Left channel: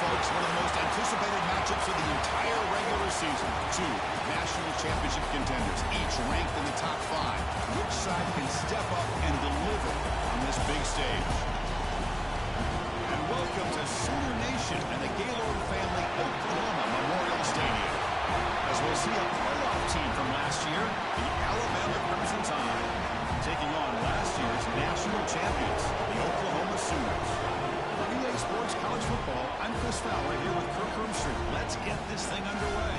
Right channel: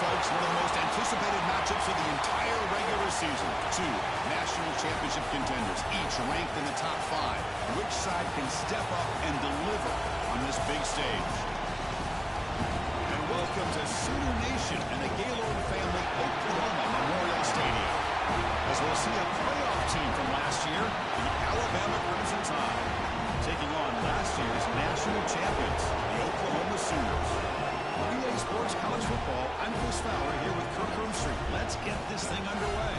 Folks, one of the most anticipated matchups of the entire regular season. Two national championship contenders, each ranked in the top 5. Which side can step up and deliver on this big stage? And welcome to Sooner Nation and the Gaylord Family Oklahoma Memorial Stadium, as we'll see a playoff team from last year, the Alabama Crimson Tide, taking on last year's national champions, the Oklahoma Sooners. For EA Sports College Football, I'm Chris Fowler here with Kirk Herbstreit. Let's get this thing underway.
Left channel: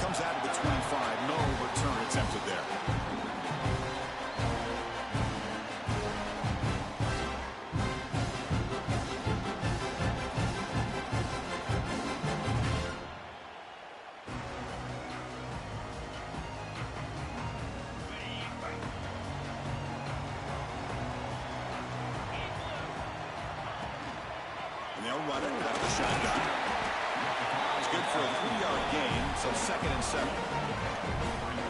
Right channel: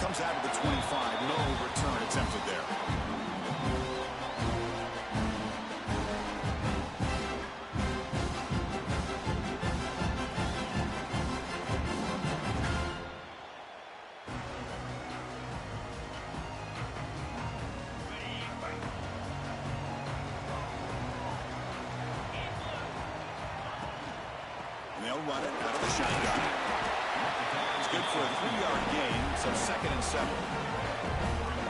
Comes out of the 25. No return attempted there. And they'll run it out of the shotgun. Good for a 3-yard gain, so 2nd and 7.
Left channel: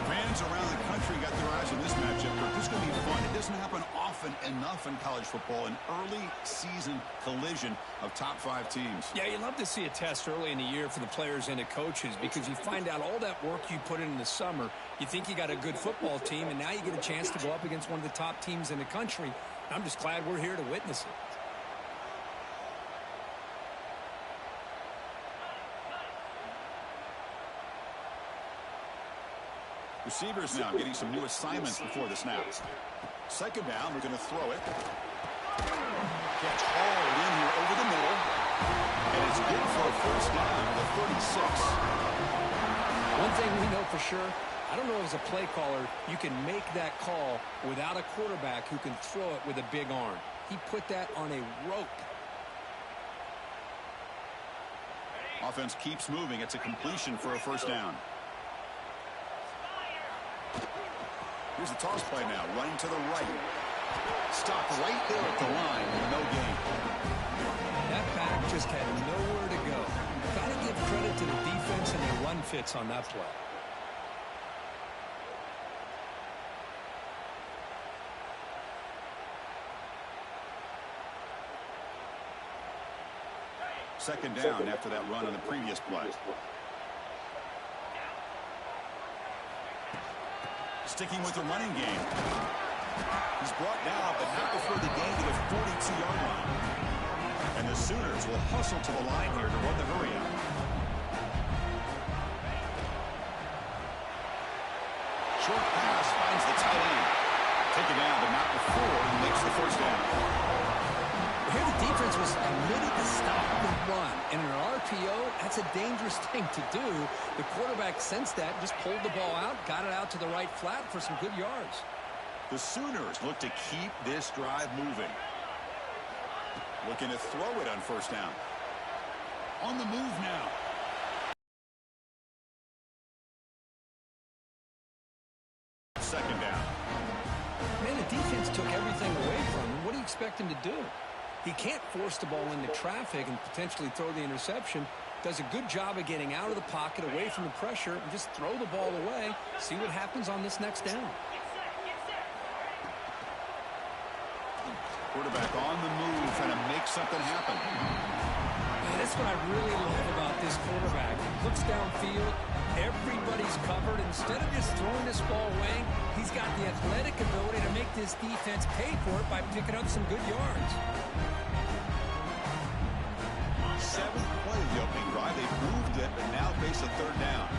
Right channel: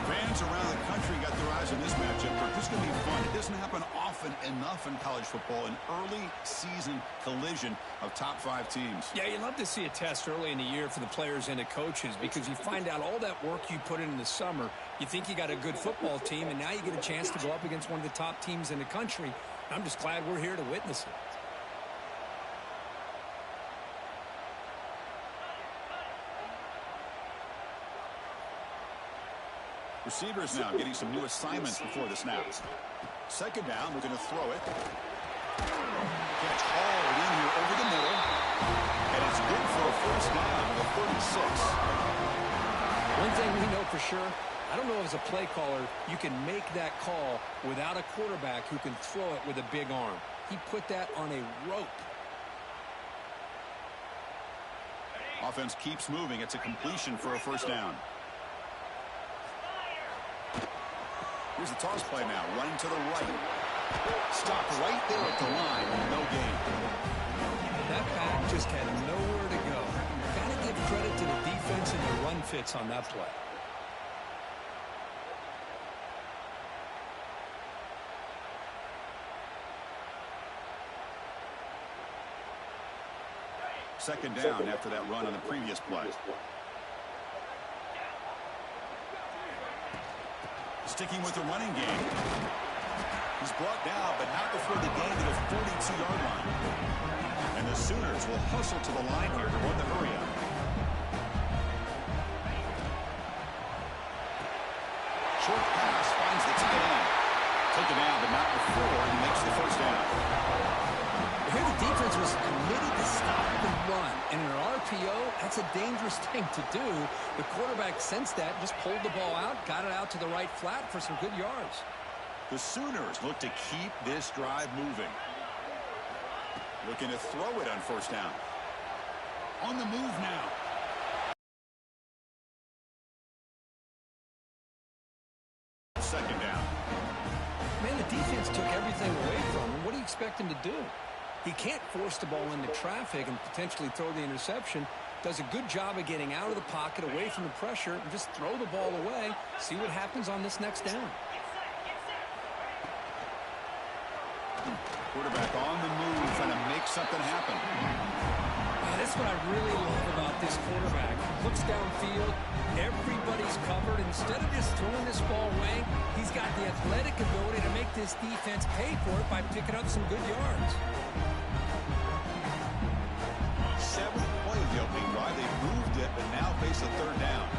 Fans around the country got their eyes on this matchup, but this is going to be fun. It doesn't happen often enough in college football, an early season collision of top 5 teams. Yeah, you love to see a test early in the year for the players and the coaches because you find out all that work you put in the summer. You think you got a good football team, and now you get a chance to go up against one of the top teams in the country. I'm just glad we're here to witness it. Receivers now getting some new assignments before the snap. 2nd down, they're going to throw it. Catch hauled in here over the middle. And it's good for a 1st down to the 36. One thing we know for sure, I don't know as a play caller, you can make that call without a quarterback who can throw it with a big arm. He put that on a rope. Offense keeps moving. It's a completion for a 1st down. Here's the toss play now, running to the right. Stopped right there at the line, no gain. That back just had nowhere to go. Got to give credit to the defense and their run fits on that play. Second down after that run on the previous play. Sticking with the running game. He's brought down, but not before the gain to the 42-yard line. And the Sooners will hustle to the line here to run the hurry up. Short pass finds the tight end. Taken down, but not before he makes the 1st down. Here the defense was committed to stop the run. And in an RPO, that's a dangerous thing to do. The quarterback sensed that, just pulled the ball out, got it out to the right flat for some good yards. The Sooners look to keep this drive moving. Looking to throw it on 1st down. On the move now. Second down. Man, the defense took everything away from him. What do you expect him to do? He can't force the ball into traffic and potentially throw the interception. Does a good job of getting out of the pocket, away from the pressure, and just throw the ball away. See what happens on this next down. Quarterback on the move, trying to make something happen. Man, that's what I really love about this quarterback. Looks downfield, everybody's covered. Instead of just throwing this ball away, he's got the athletic ability to make this defense pay for it by picking up some good yards. 7th play of the opening drive. They've moved it, but now face a 3rd down.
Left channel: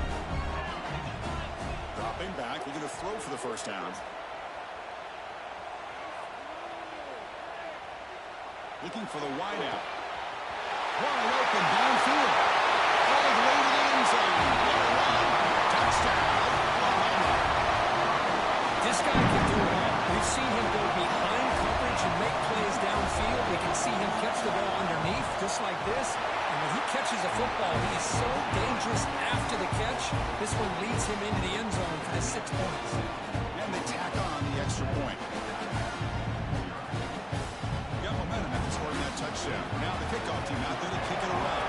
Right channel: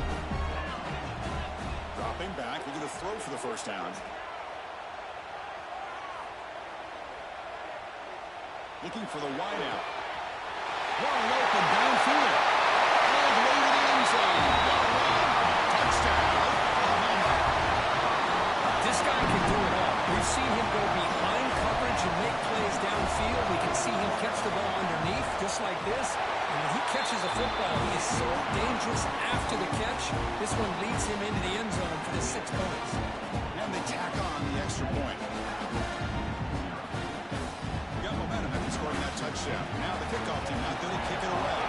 Dropping back, we're going to throw for the first down. Looking for the wideout. Wide open downfield. All the way to the end zone. What a run. Touchdown, Oklahoma. This guy can do it all. We've seen him go behind coverage and make plays downfield. We can see him catch the ball underneath, just like this. And when he catches a football, he is so dangerous after the catch. This one leads him into the end zone for the 6 points. And they tack on the extra point. Got momentum after scoring that touchdown. Now the kickoff team out there to kick it away.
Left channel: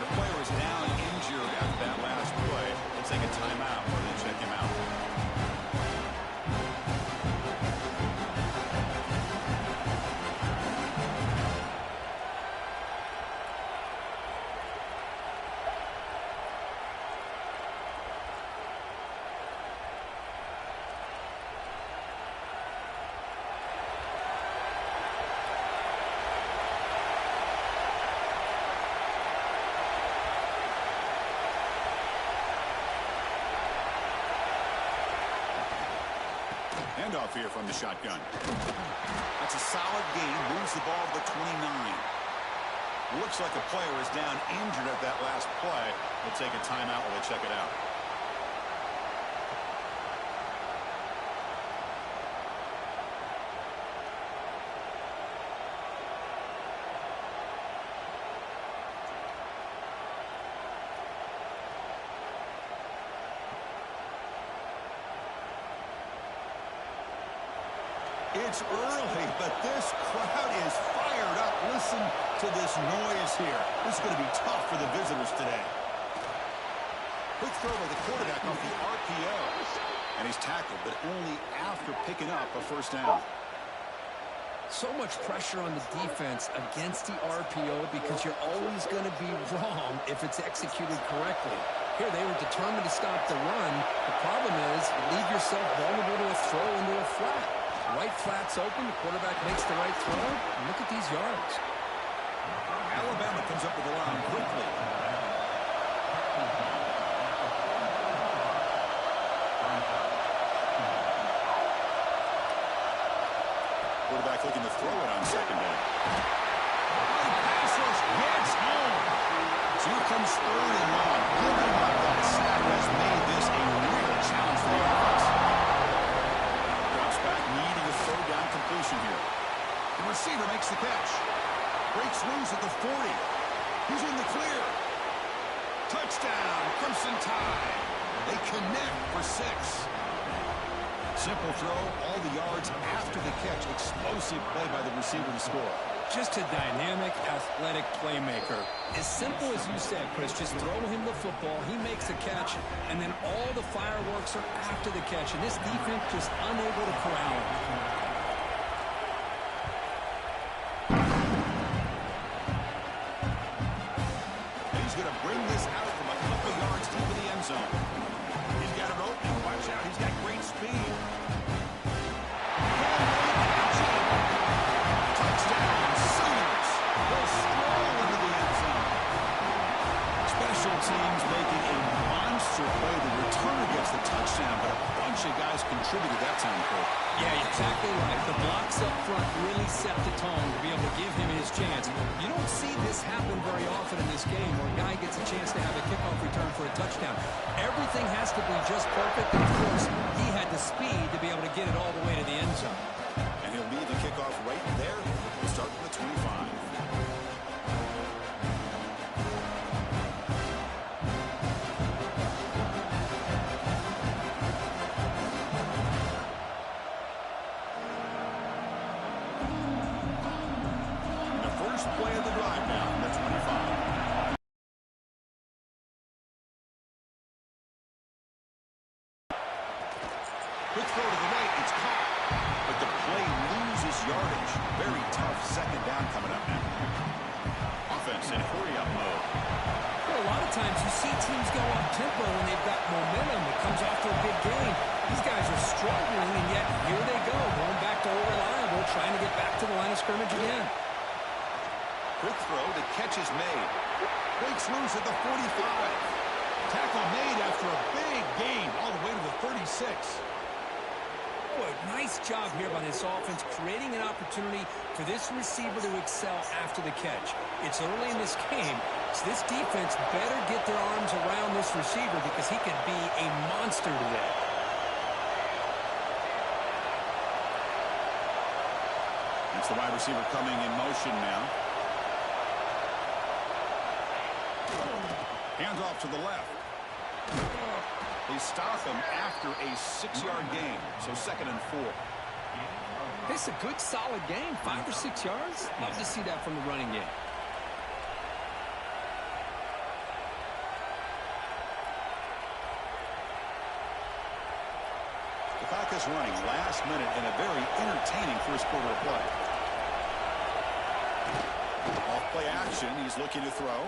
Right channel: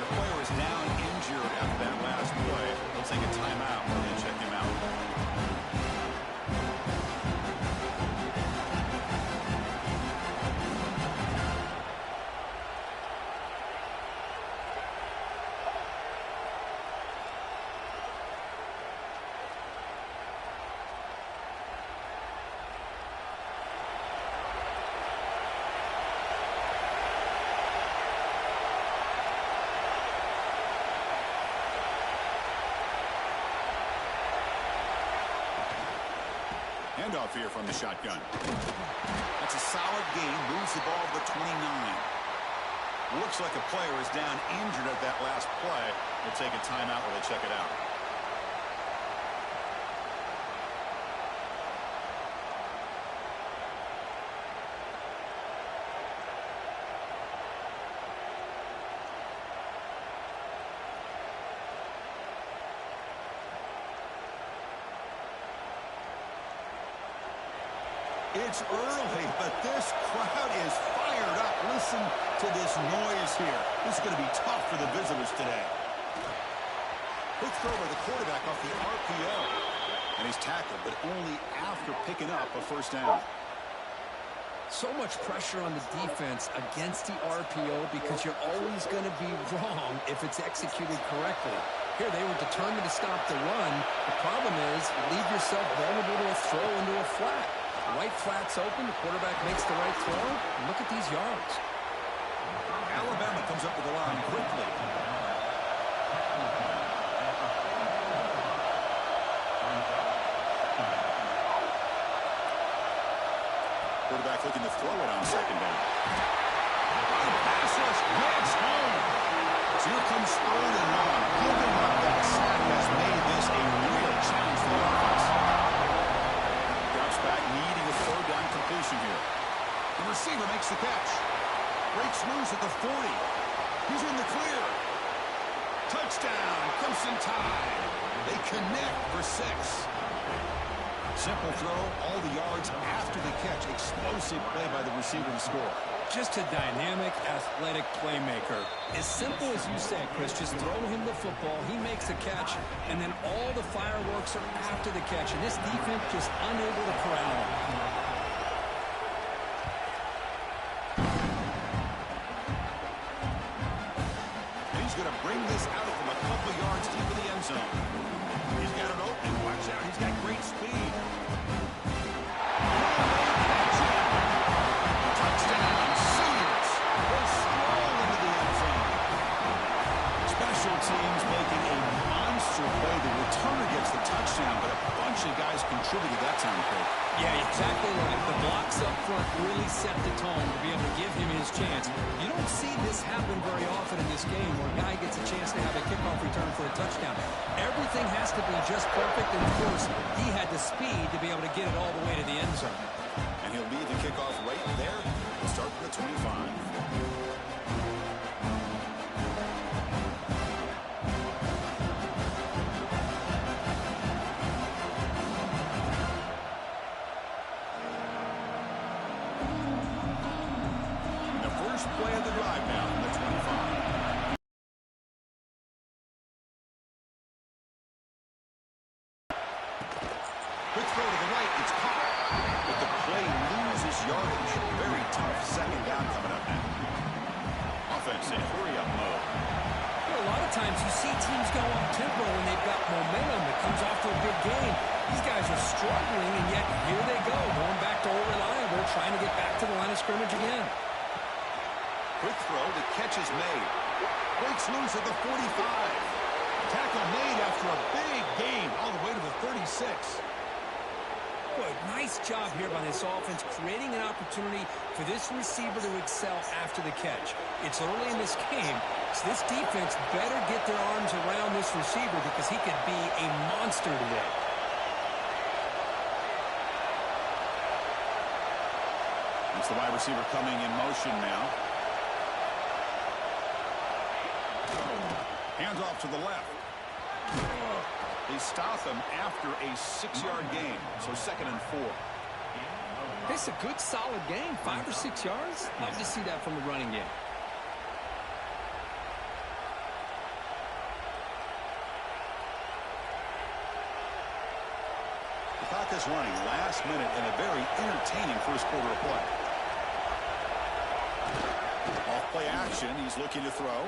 The player is down injured after that last play. They'll take a timeout or they check him out. Handoff here from the shotgun. That's a solid gain. Moves the ball to the 29. Looks like a player is down injured at that last play. We'll take a timeout while they check it out. It's early, but this crowd is fired up. Listen to this noise here. This is going to be tough for the visitors today. Quick throw by the quarterback off the RPO. And he's tackled, but only after picking up a first down. So much pressure on the defense against the RPO because you're always going to be wrong if it's executed correctly. Here, they were determined to stop the run. The problem is you leave yourself vulnerable to a throw into a flat. Right flat's open. The quarterback makes the right throw. And look at these yards. Alabama comes up with the line quickly. Quarterback looking to throw it on second down. Pass rush gets home. So here comes 3rd and long. Giving up that sack has made this a real challenge for the offense. Drops back, needing a 3rd down completion here. The receiver makes the catch. Breaks loose at the 40. He's in the clear. Touchdown, Crimson Tide. They connect for 6. Simple throw, all the yards after the catch. Explosive play by the receiver to score. Just a dynamic, athletic playmaker. As simple as you said, Chris, just throw him the football, he makes a catch, and then all the fireworks are after the catch, and this defense just unable to corral him. And he's going to bring this out from a couple yards deep in the end zone. He's got an opening. Watch out. He's got great speed. Touchdown, Sooners. Will stroll into the end zone. Special teams making a monster play. The returner gets the touchdown, but a bunch of guys contributed that time, Cole. Yeah, exactly right. The blocks up front really set the tone to be able to give him his chance. You don't see this happen very often in this game where a guy gets a chance to have a kickoff return for a touchdown. Everything has to be just perfect, and of course, he had the speed to be able to get it all the way to the end zone. And he'll lead the kickoff right there. We'll start from the 25. First play of the drive now from the 25. Quick throw to the right. It's caught. But the play loses yardage. Very tough second down coming up now. Offense in hurry-up mode. A lot of times you see teams go up-tempo when they've got momentum that comes after a big gain. These guys are struggling, and yet here they go, going back to old reliable, trying to get back to the line of scrimmage again. Quick throw, the catch is made. Breaks loose at the 45. Tackle made after a big gain, all the way to the 36. Boy, nice job here by this offense, creating an opportunity for this receiver to excel after the catch. It's early in this game, so this defense better get their arms around this receiver because he could be a monster today. It's the wide receiver coming in motion now. Hands off to the left. They stop him after a 6-yard gain, so 2nd and 4. It's a good, solid game, 5 or 6 yards. Love to see that from the running game. The clock is running last minute in a very entertaining first quarter of play. Off play action, he's looking to throw.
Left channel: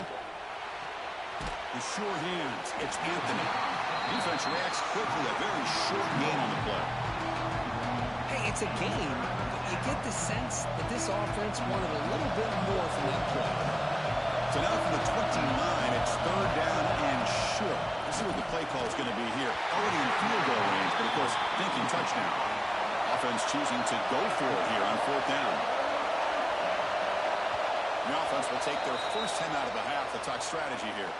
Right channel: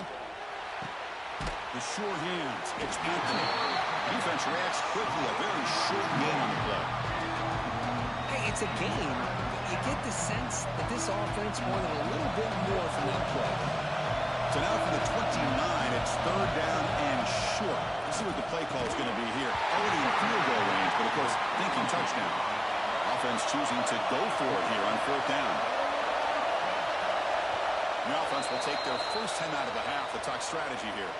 The short hands, it's Anthony. Defense reacts quickly, a very short gain on the play. Hey, it's a game, but you get the sense that this offense wanted a little bit more from that play. So now from the 29, it's 3rd down and short. Let's see what the play call is going to be here. Already in field goal range, but of course, thinking touchdown. Offense choosing to go for it here on 4th down. The offense will take their first 10 out of the half to talk strategy here.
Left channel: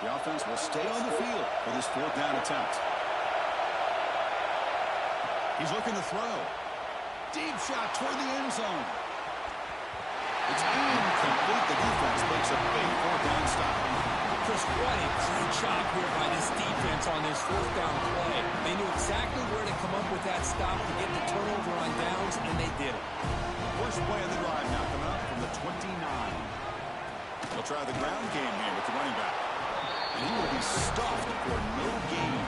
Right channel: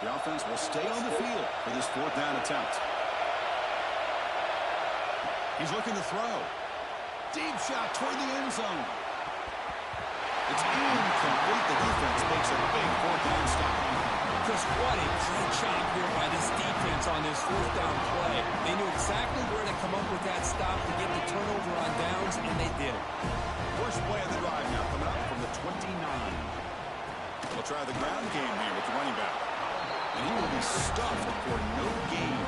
The offense will stay on the field for this 4th down attempt. He's looking to throw. Deep shot toward the end zone. It's incomplete. The defense makes a big 4th down stop. Chris, what a great job here by this defense on this 4th down play. They knew exactly where to come up with that stop to get the turnover on downs, and they did it. First play of the drive now coming up from the 29. They'll try the ground game here with the running back. And he will be stuffed for no gain.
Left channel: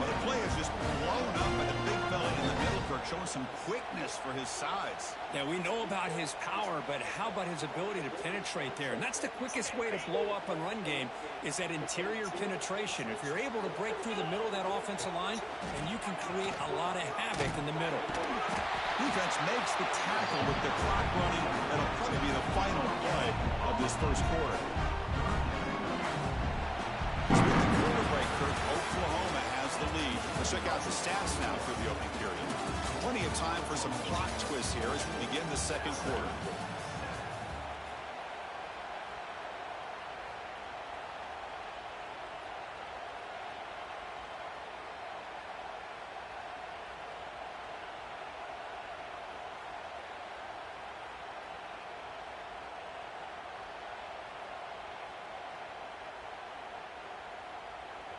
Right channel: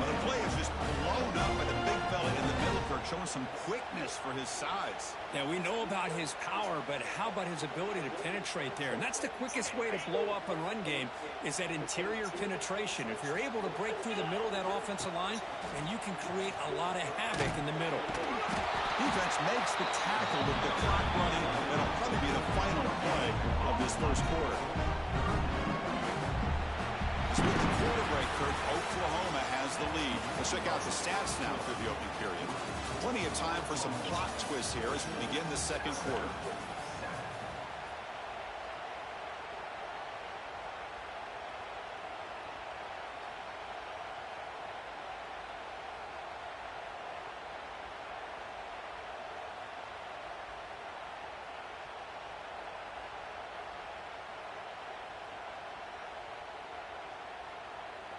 Well, the play is just blown up by the big fella in the middle, Kirk, showing some quickness for his size. Yeah, we know about his power, but how about his ability to penetrate there? And that's the quickest way to blow up a run game is that interior penetration. If you're able to break through the middle of that offensive line, then you can create a lot of havoc in the middle. Defense makes the tackle with the clock running. That'll probably be the final play of this first quarter. So with the quarter break, Kirk, Oklahoma has the lead. Let's check out the stats now through the opening period. Plenty of time for some plot twists here as we begin the second quarter.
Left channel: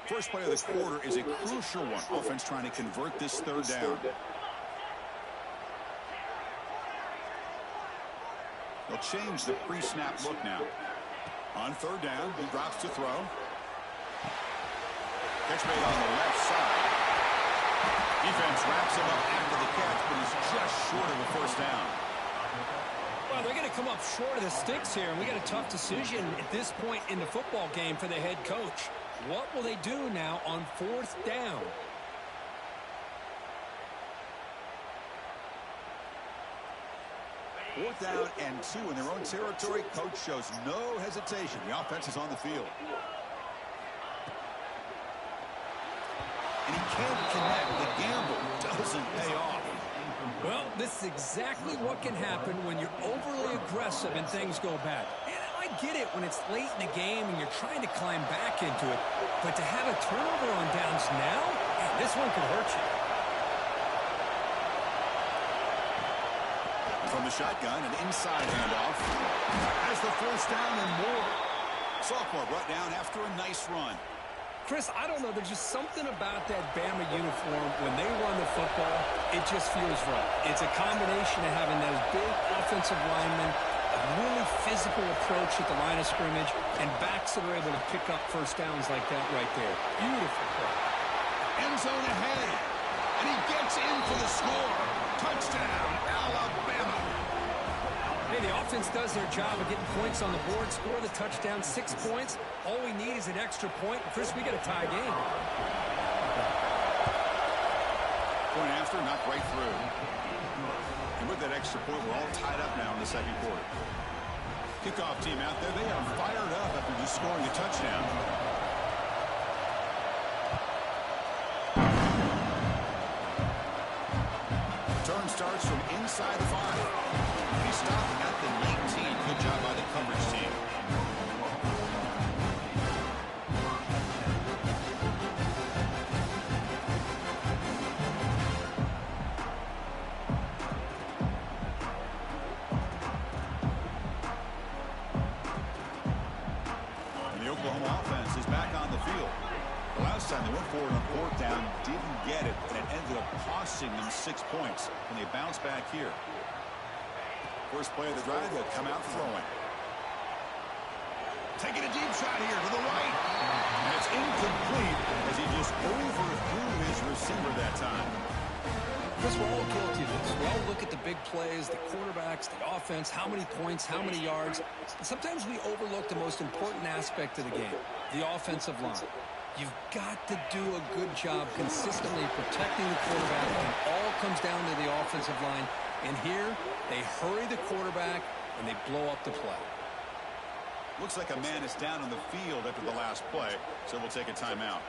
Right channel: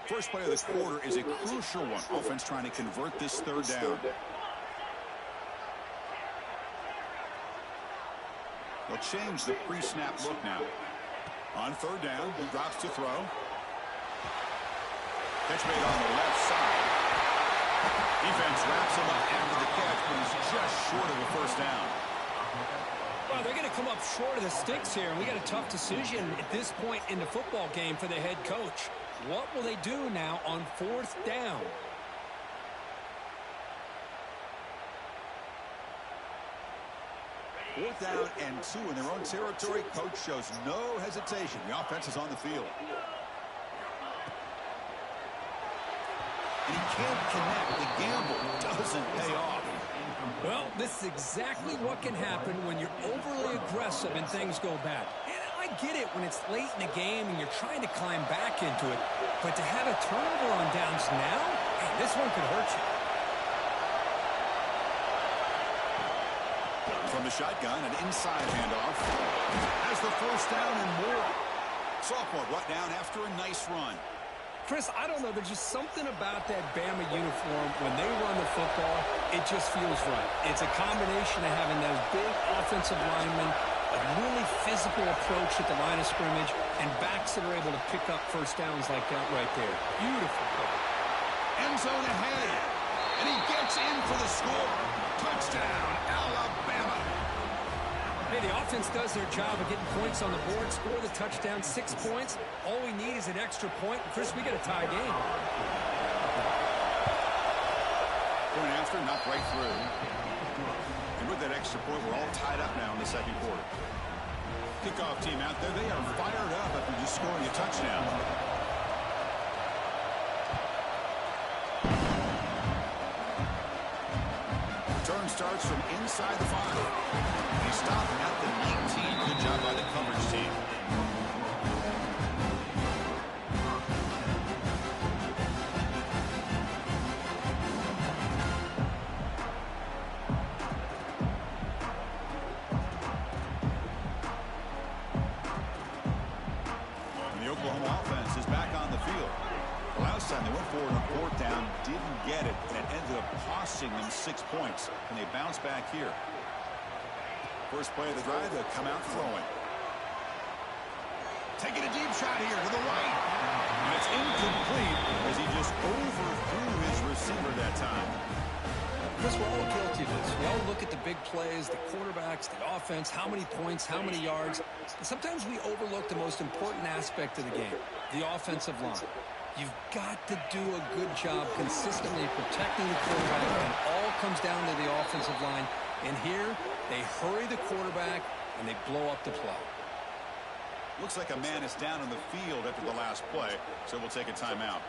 First play of the quarter is a crucial one. Offense trying to convert this 3rd down. They'll change the pre-snap look now. On 3rd down, he drops to throw. Catch made on the left side. Defense wraps him up after the catch, but he's just short of a first down. Well, they're going to come up short of the sticks here, and we got a tough decision at this point in the football game for the head coach. What will they do now on 4th down? Fourth down and 2 in their own territory. Coach shows no hesitation. The offense is on the field. And he can't connect. The gamble doesn't pay off. Well, this is exactly what can happen when you're overly aggressive and things go bad. And I get it when it's late in the game and you're trying to climb back into it. But to have a turnover on downs now, hey, this one could hurt you. From the shotgun, an inside handoff. Has the first down and more. Sophomore brought down after a nice run. Chris, I don't know. There's just something about that Bama uniform. When they run the football, it just feels right. It's a combination of having those big offensive linemen, a really physical approach at the line of scrimmage, and backs that are able to pick up first downs like that right there. Beautiful play. End zone ahead. And he gets in for the score. Touchdown, Alabama. Hey, the offense does their job of getting points on the board, score the touchdown, 6 points. All we need is an extra point. And Chris, we got a tie game. Point after, knocked right through. And with that extra point, we're all tied up now in the second quarter. Kickoff team out there, they are fired up after just scoring a touchdown. Return starts from inside the 5. He stopped at the 19. Good job by the coverage team. And the Oklahoma offense is back on the field. The last time they went forward on fourth down, didn't get it, and it ended up costing them 6 points. And they bounce back here. First play of the drive, they'll come out throwing. Taking a deep shot here to the right. And it's incomplete as he just overthrew his receiver that time. Chris, we're all guilty of this. We all look at the big plays, the quarterbacks, the offense, how many points, how many yards. And sometimes we overlook the most important aspect of the game, the offensive line. You've got to do a good job consistently protecting the quarterback, and all comes down to the offensive line. And here, they hurry the quarterback, and they blow up the play. Looks like a man is down on the field after the last play, so we'll take a timeout.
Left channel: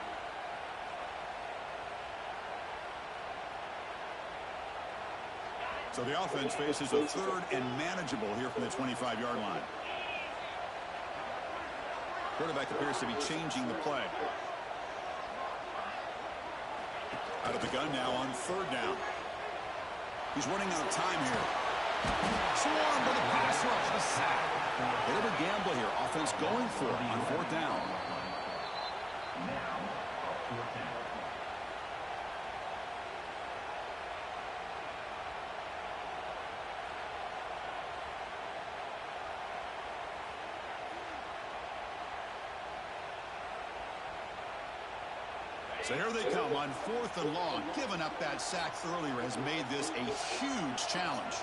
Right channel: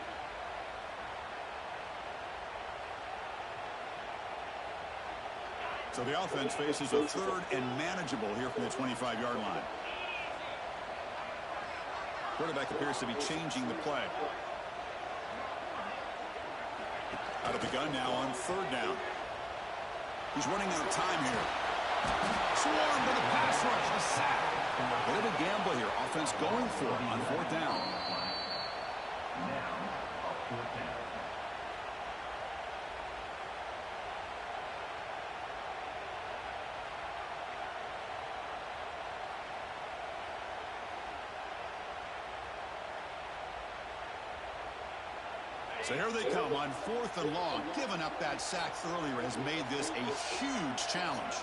So the offense faces a third and manageable here from the 25-yard line. Quarterback appears to be changing the play. Out of the gun now on third down. He's running out of time here. Swarm with a pass rush, a sack. A bit of a gamble here. Offense going for it on fourth down. So here they come on fourth and long. Giving up that sack earlier has made this a huge challenge.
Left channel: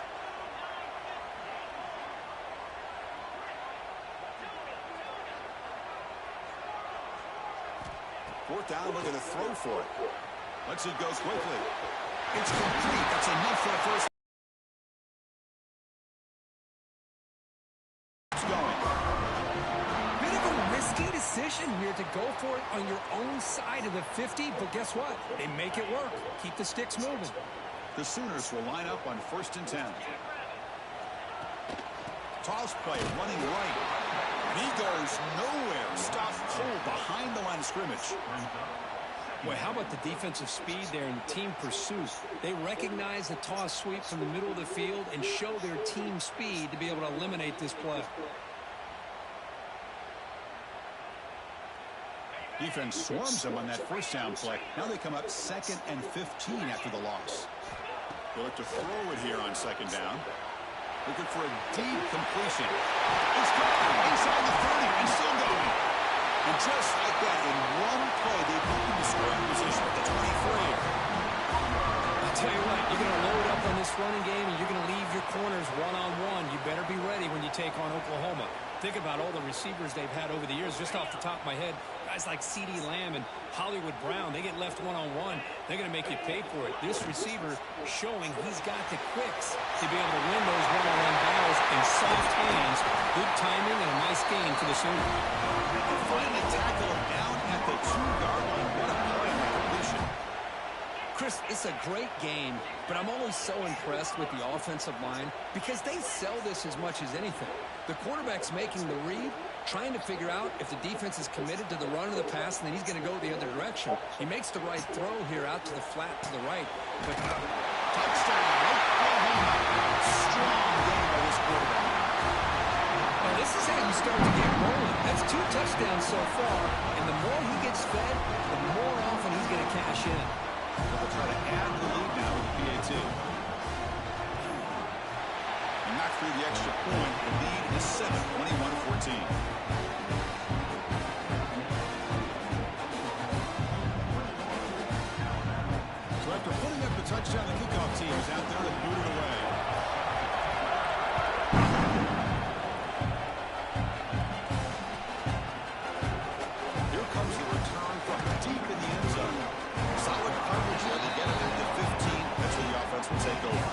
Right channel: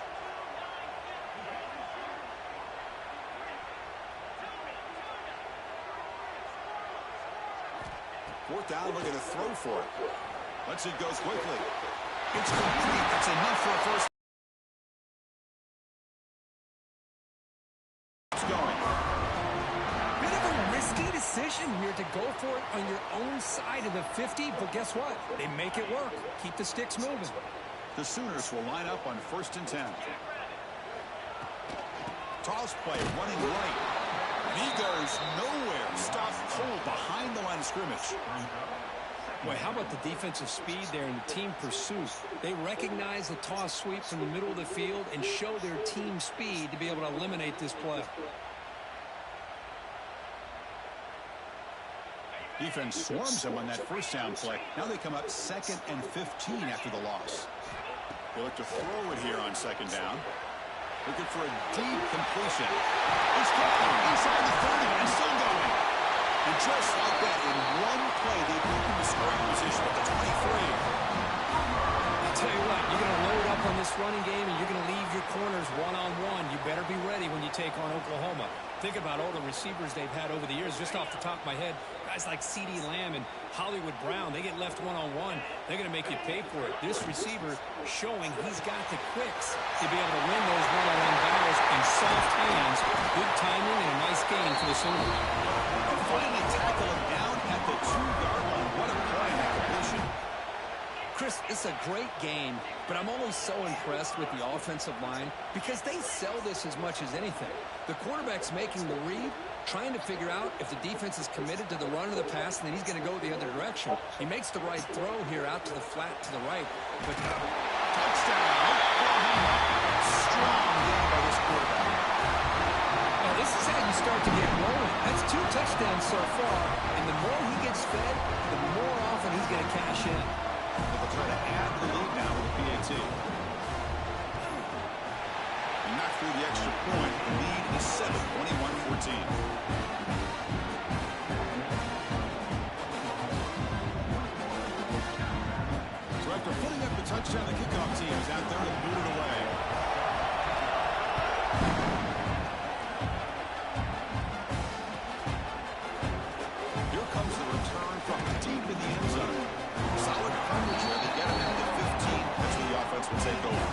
Fourth down, looking to throw for it. Lets it go quickly. It's complete. That's enough for a first. It's going. Bit of a risky decision here to go for it on your own side of the 50, but guess what? They make it work. Keep the sticks moving. The Sooners will line up on 1st and 10. Toss play, running right. And he goes nowhere. Stopped cold behind the line of scrimmage. Boy, how about the defensive speed there and the team pursuit? They recognize the toss sweep from the middle of the field and show their team speed to be able to eliminate this play. Defense swarms them on that first down play. Now they come up 2nd and 15 after the loss. They look to throw it here on 2nd down. Looking for a deep completion. It's gone inside the 30 and still going. And just like that, in one play, they've moved into scoring position at the 23. I'll tell you what, you're going to load up on this running game and you're going to leave your corners one-on-one. You better be ready when you take on Oklahoma. Think about all the receivers they've had over the years. Just off the top of my head, guys like CeeDee Lamb and Hollywood Brown, they get left one-on-one. They're going to make you pay for it. This receiver showing he's got the quicks to be able to win those one-on-one battles in soft hands. Good timing and a nice gain for the Sooners. And finally tackle him down at the 2-yard line. What a play on that completion. Chris, it's a great game, but I'm always so impressed with the offensive line because they sell this as much as anything. The quarterback's making the read, trying to figure out if the defense is committed to the run or the pass, and then he's going to go the other direction. He makes the right throw here out to the flat to the right. But touchdown, Oklahoma. Strong game by this quarterback. Well, this is how you start to get rolling. That's 2 touchdowns so far, and the more he gets fed, the more often he's going to cash in. So they'll try to add the lead now with a PAT. He knocked through the extra point. The lead is 7, 21-14. So after putting up the touchdown, the kickoff team is out there to boot it away. Here comes the return from deep in the end zone. Solid coverage there. They get him into the 15. That's where the offense will take over.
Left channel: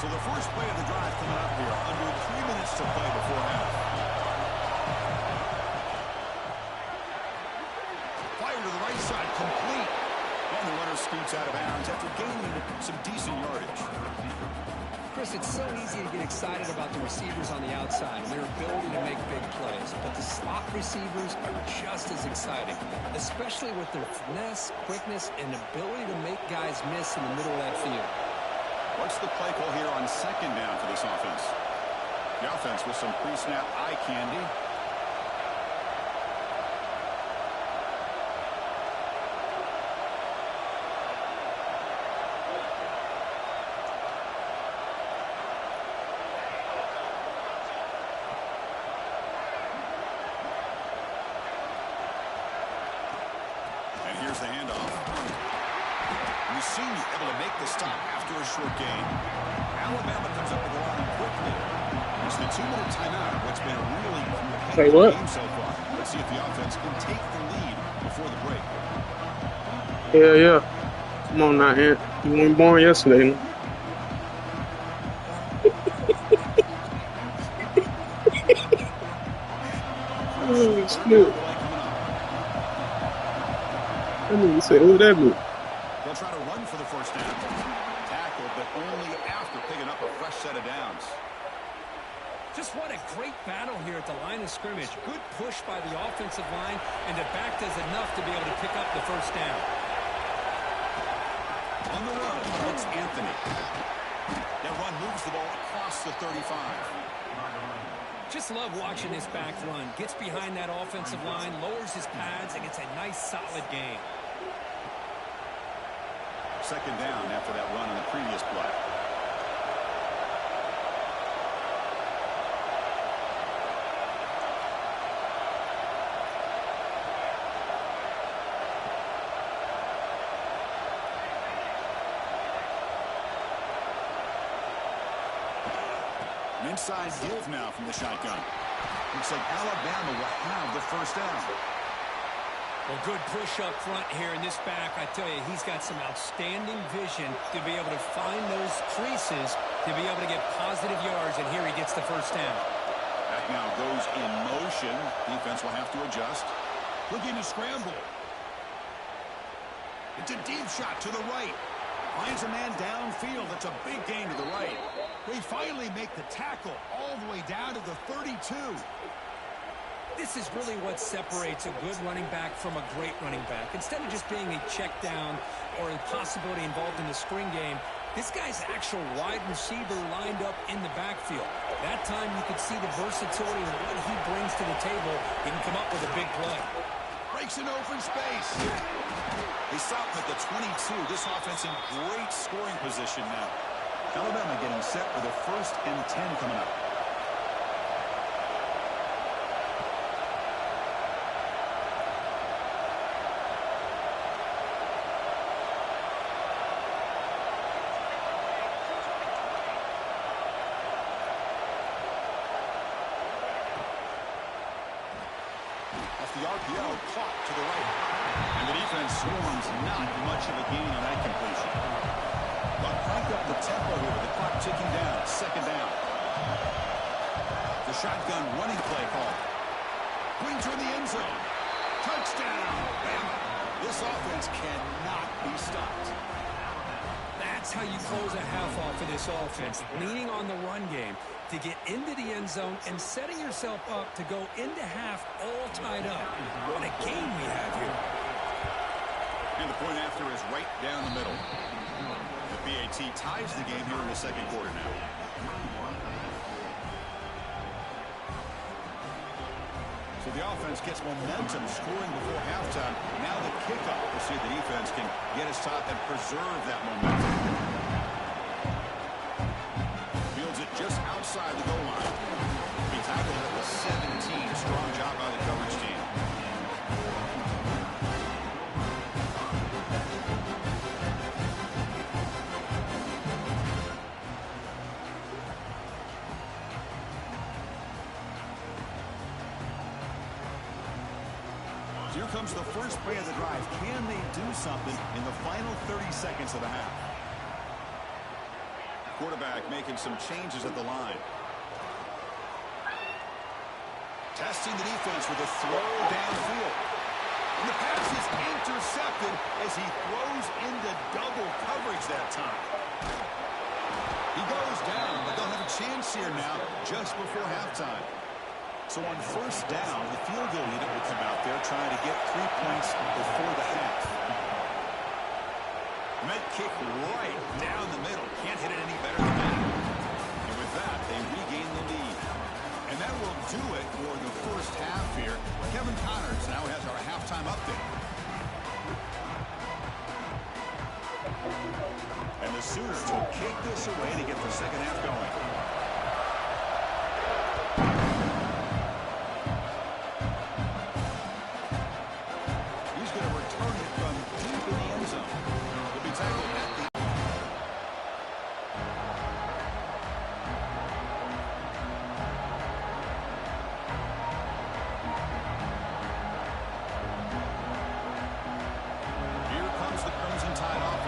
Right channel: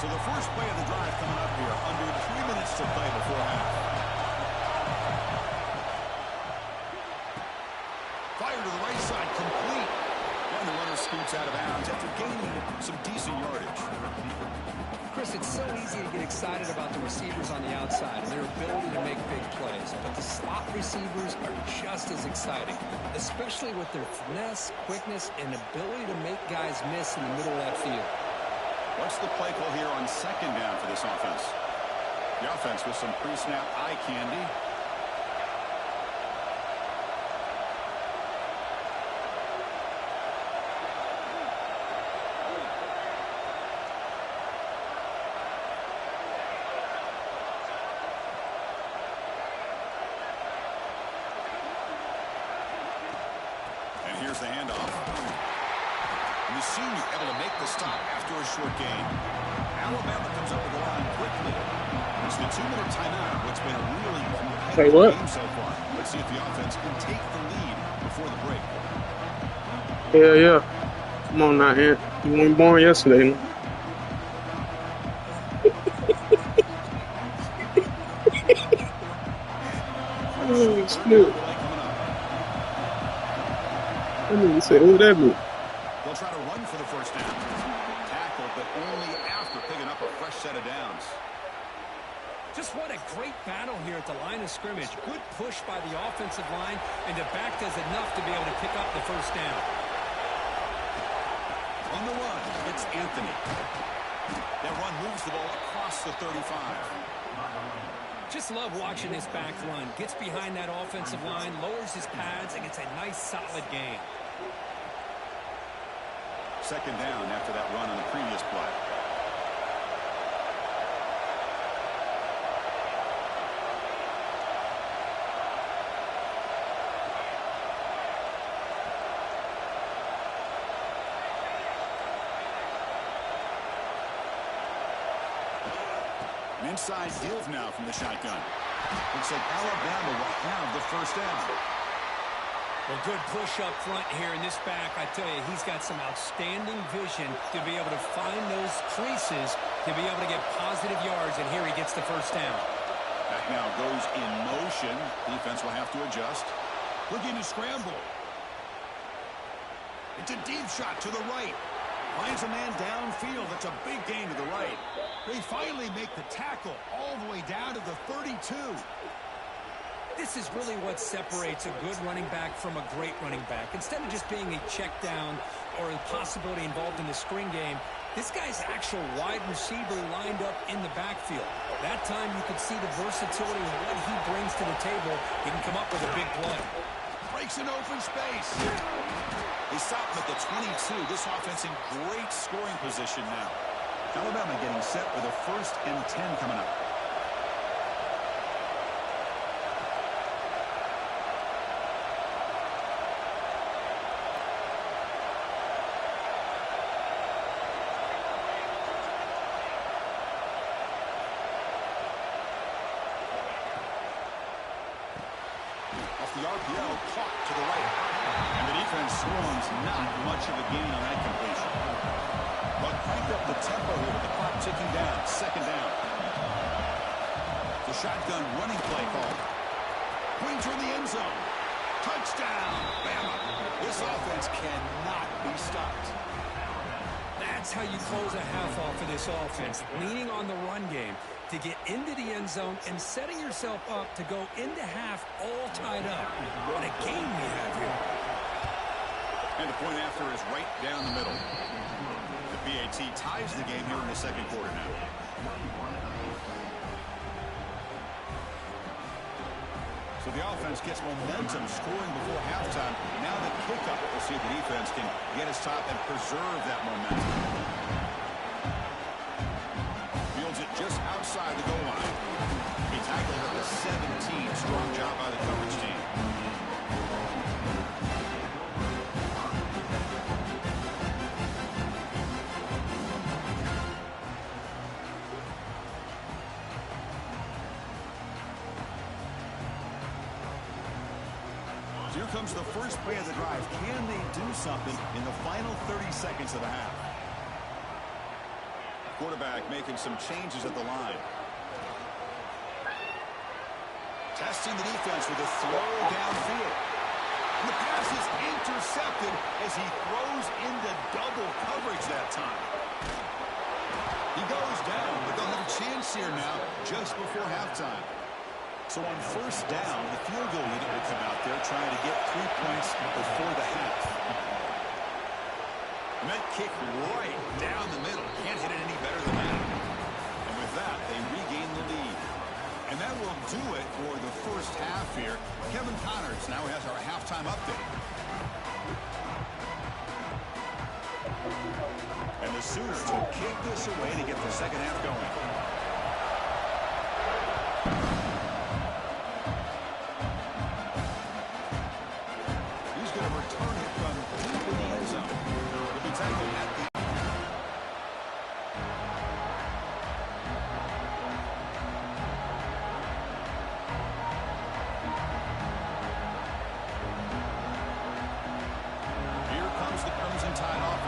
So the first play of the drive coming up here. Under 3 minutes to play before half. Fire to the right side, complete. And the runner scoots out of bounds after gaining some decent yardage. Chris, it's so easy to get excited about the receivers on the outside and their ability to make big plays. But the slot receivers are just as exciting, especially with their finesse, quickness, and ability to make guys miss in the middle of that field. What's the play call here on second down for this offense? The offense with some pre-snap eye candy. And here's the handoff. And the senior able to make the stop after a short gain. Alabama comes up with the line quickly. It's the 2-minute timeout. What's been a really competitive game so far. Let's see if the offense can take the lead before the break. Yeah. Come on now, Ant. You weren't born yesterday. Oh, shit. I need to say, who that be? They'll try to run for the first down. Tackled, but only after picking up a fresh set of downs. Just what a great battle here at the line of scrimmage. Good push by the offensive line, and the back does enough to be able to pick up the first down. On the run, it's Anthony. That run moves the ball across the 35. Just love watching this back run. Gets behind that offensive line, lowers his pads, and gets a nice, solid gain. Second down after that run on the previous play. An inside give now from the shotgun. Looks like Alabama will have the first down. Well, good push up front here in this back. I tell you, he's got some outstanding vision to be able to find those creases, to be able to get positive yards, and here he gets the first down. Back now goes in motion. Defense will have to adjust. Looking to scramble. It's a deep shot to the right. Finds a man downfield. That's a big gain to the right. They finally make the tackle all the way down to the 32. This is really what separates a good running back from a great running back. Instead of just being a check down or a possibility involved in the screen game, this guy's actual wide receiver lined up in the backfield. That time you could see the versatility of what he brings to the table. He can come up with a big play. Breaks an open space. They stop him at the 22. This offense in great scoring position now. Alabama getting set for the 1st and 10 coming up. Off the RPO, caught to the right. And the defense swarms, not much of a gain on that completion. But crank up the tempo here with the clock ticking down. Second down. The shotgun running play called. Brings her in the end zone. Touchdown, Bama. This offense cannot be stopped. That's how you close a half off for this offense, leaning on the run game to get into the end zone and setting yourself up to go into half all tied up. What a game we have here. And the point after is right down the middle. The PAT ties the game here in the second quarter now. So the offense gets momentum scoring before halftime. Now the kickoff. We'll see if the defense can get his top and preserve that momentum. Fields it just outside the goal line. He tackled at the 17. Strong job by the coverage team. Here comes the first play of the drive. Can they do something in the final 30 seconds of the half? Quarterback making some changes at the line. Testing the defense with a throw downfield. And the pass is intercepted as he throws into double coverage that time. He goes down, but they'll have a chance here now just before halftime. So on first down, the field goal unit will come out there trying to get 3 points before the half. And that kick right down the middle. Can't hit it any better than that. And with that, they regain the lead. And that will do it for the first half here. Kevin Connors now has our halftime update. And the Sooners will kick this away to get the second half going.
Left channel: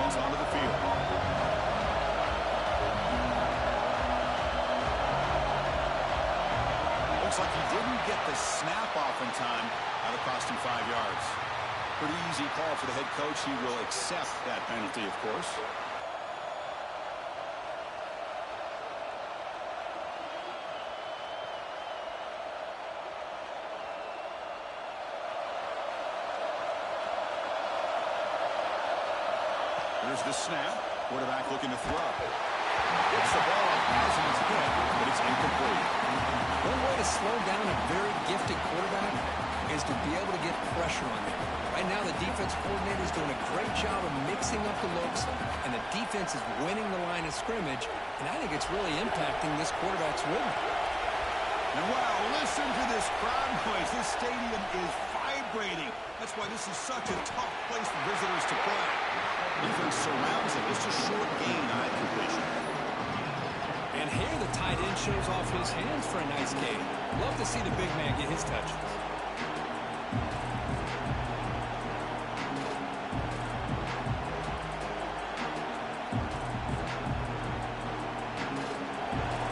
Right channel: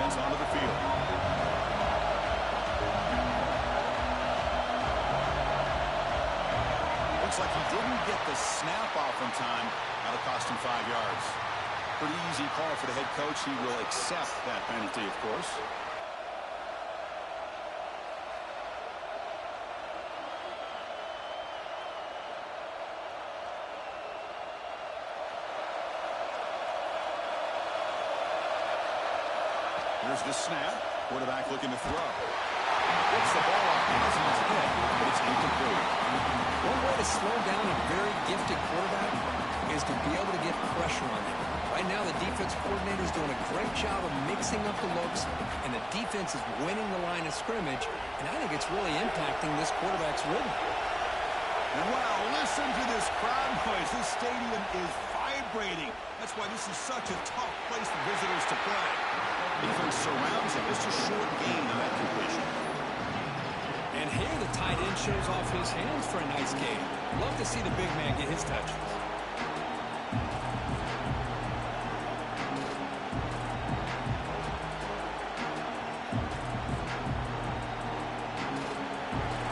Onto the field. Looks like he didn't get the snap off in time. That'll cost him 5 yards. Pretty easy call for the head coach. He will accept that penalty, of course. Here's the snap. Quarterback looking to throw. Gets the ball up as he's hit, but it's incomplete. One way to slow down a very gifted quarterback is to be able to get pressure on them. Right now, the defense coordinator is doing a great job of mixing up the looks, and the defense is winning the line of scrimmage, and I think it's really impacting this quarterback's rhythm. And wow, listen to this crowd noise. This stadium is vibrating. That's why this is such a tough place for visitors to play. Defense surrounds him. It's a short gain on that completion. And here the tight end shows off his hands for a nice gain. Love to see the big man get his touches.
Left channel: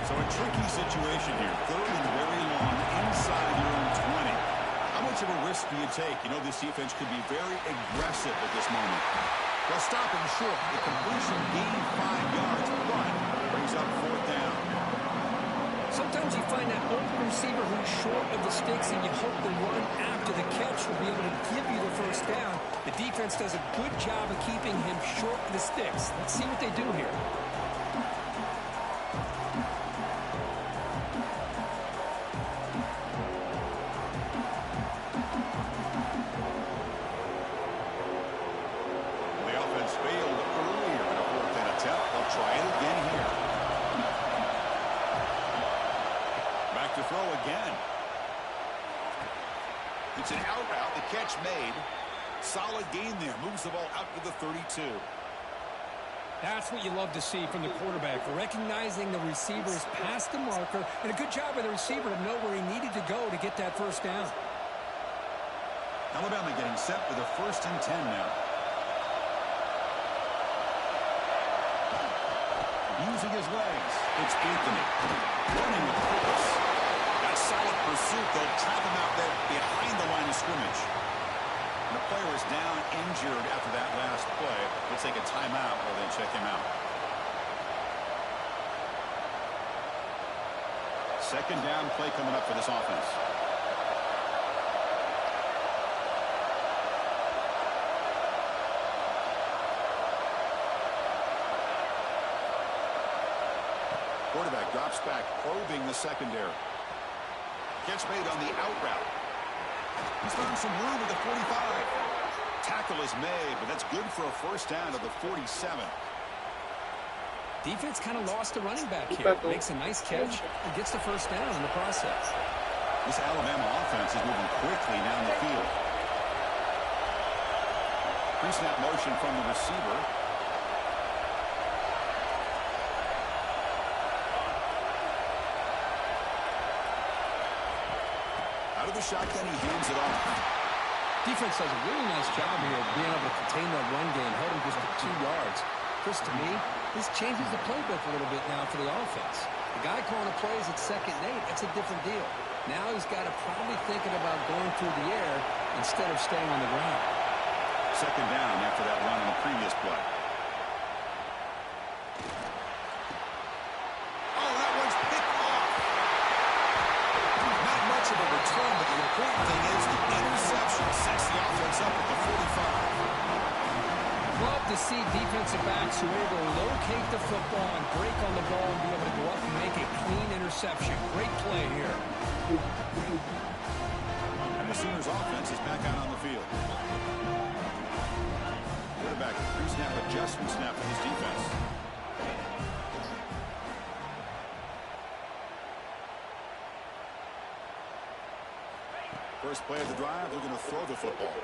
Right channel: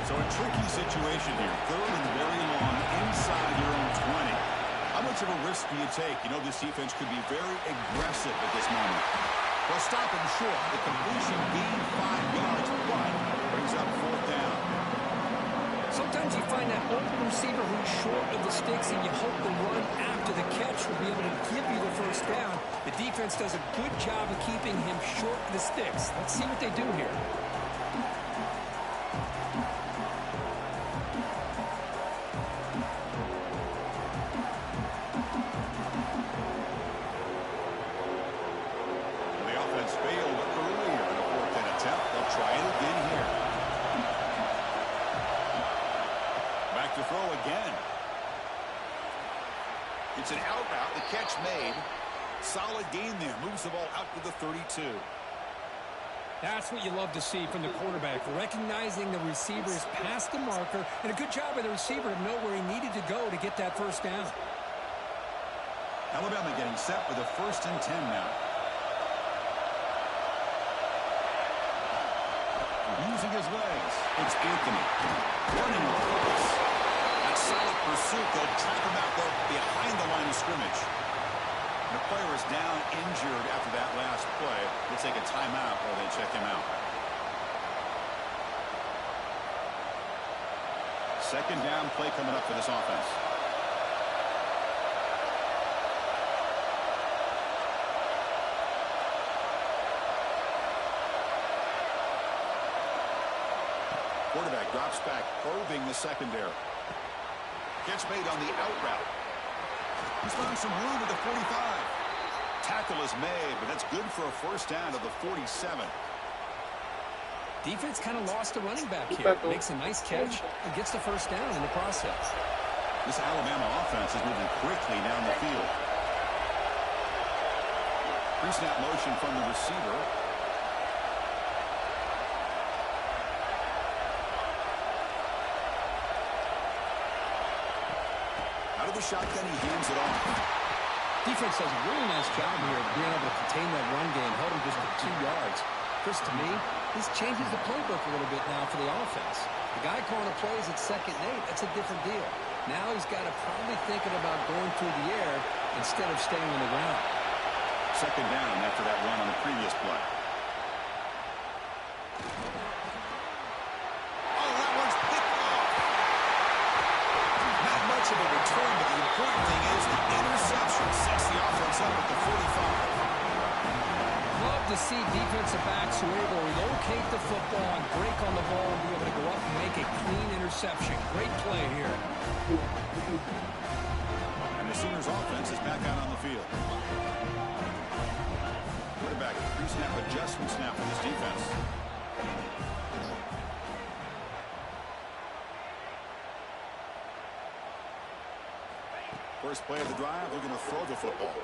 So a tricky situation here. Third and very long inside your own 20. How much of a risk do you take? You know, this defense could be very aggressive at this moment. They'll stop him short. The completion gained 5 yards, but brings up fourth down. Sometimes you find that open receiver who's short of the sticks, and you hope the run after the catch will be able to give you the first down. The defense does a good job of keeping him short of the sticks. Let's see what they do here. Failed earlier in a fourth down attempt. They'll try it again here. Back to throw again. It's an out route. The catch made. Solid gain there. Moves the ball out to the 32. That's what you love to see from the quarterback. Recognizing the receiver's past the marker, and a good job by the receiver to know where he needed to go to get that first down. Alabama getting set for the 1st and 10 now. Using his legs, it's Anthony. Running with purpose. That solid pursuit, they'll trap him out there behind the line of scrimmage. The player is down injured after that last play. We'll take a timeout while they check him out. Second down play coming up for this offense. Quarterback drops back, probing the secondary. Gets made on the out route. He's found some room at the 45. Tackle is made, but that's good for a first down to the 47. Defense kind of lost the running back here. Makes a nice catch and gets the first down in the process. This Alabama offense is moving quickly down the field. Pre-snap motion from the receiver. Out of the shotgun, he hands it off. Defense does a really nice job here of being able to contain that run game, held him just at 2 yards. Chris, to me, this changes the playbook a little bit now for the offense. The guy calling the plays at 2nd and 8, that's a different deal. Now he's got to probably thinking about going through the air instead of staying on the ground. Second down after that run on the previous play. Oh, that one's picked off. Not much of a return, but the important thing is the interception sets the offense up at the 45. Love to see defensive backs who are able to locate the football and break on the ball and be able to go up and make a clean interception. Great play here. And the Sooners offense is back out on the field. Quarterback pre-snap adjustment snap for this defense. First play of the drive, they're going to throw the football.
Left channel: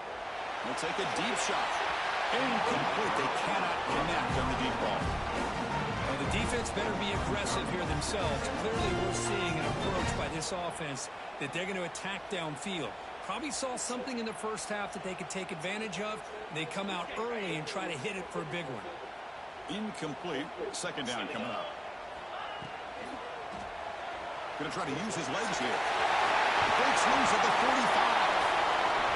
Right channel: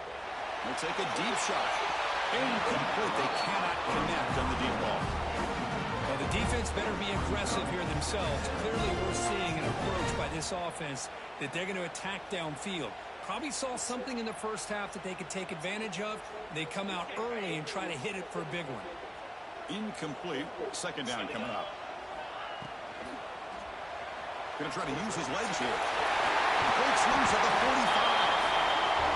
They'll take a deep shot. Incomplete. They cannot connect on the deep ball. Well, the defense better be aggressive here themselves. Clearly, we're seeing an approach by this offense that they're going to attack downfield. Probably saw something in the first half that they could take advantage of. They come out early and try to hit it for a big one. Incomplete. Second down coming up. Going to try to use his legs here. Breaks loose at the 45.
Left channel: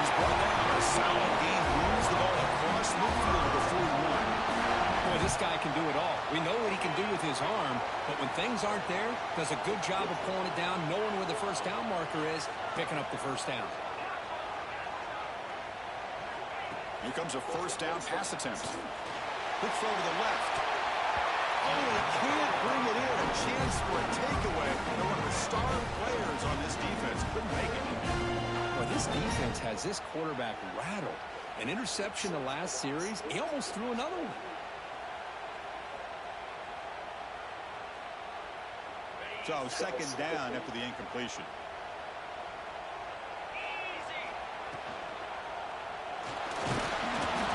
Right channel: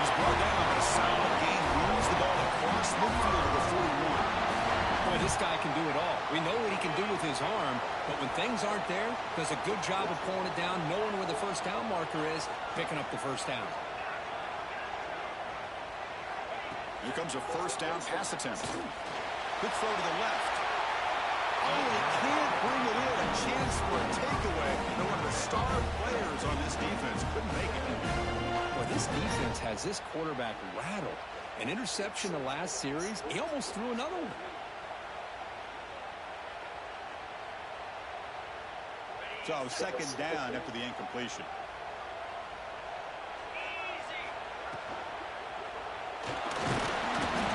He's brought down on a solid game. Moves the ball across midfield to the 41. Boy, this guy can do it all. We know what he can do with his arm, but when things aren't there, does a good job of pulling it down, knowing where the first down marker is, picking up the first down. Here comes a first down pass attempt. Good throw to the left. Oh, he can't bring it in. A chance for a takeaway. They're one of the star players on this defense. Couldn't make it. Well, this defense has this quarterback rattled. An interception the last series, he almost threw another one. So, second down after the incompletion.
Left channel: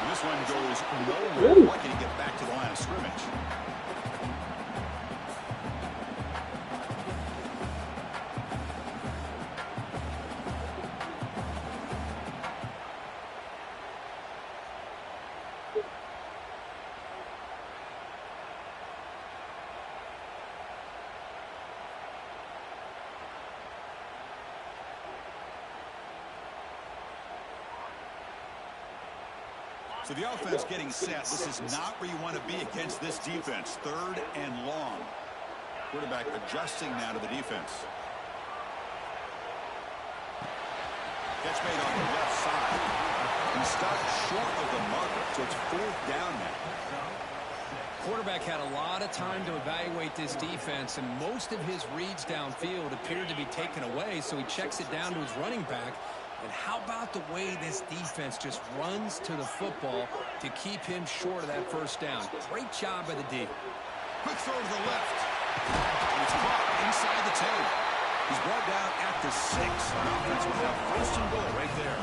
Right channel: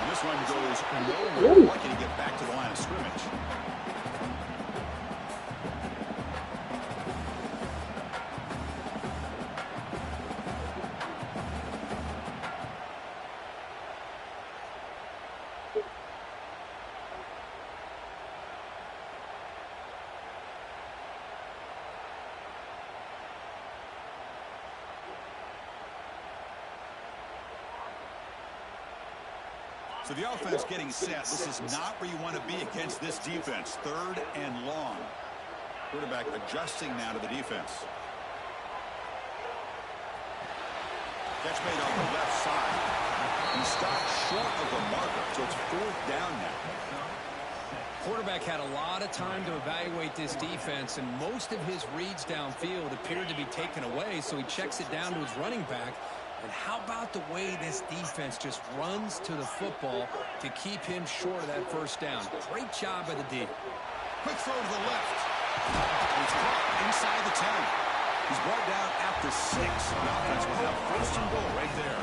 And this one goes nowhere. Why can he get back to the line of scrimmage? So the offense getting set. This is not where you want to be against this defense. 3rd and long. Quarterback adjusting now to the defense. Catch made on the left side. He stopped short of the marker, so it's 4th down now. Quarterback had a lot of time to evaluate this defense, and most of his reads downfield appeared to be taken away, so he checks it down to his running back. And how about the way this defense just runs to the football to keep him short of that first down? Great job by the D. Quick throw to the left. He's caught inside the 10. He's brought down at the 6. The offense will have first and goal right there.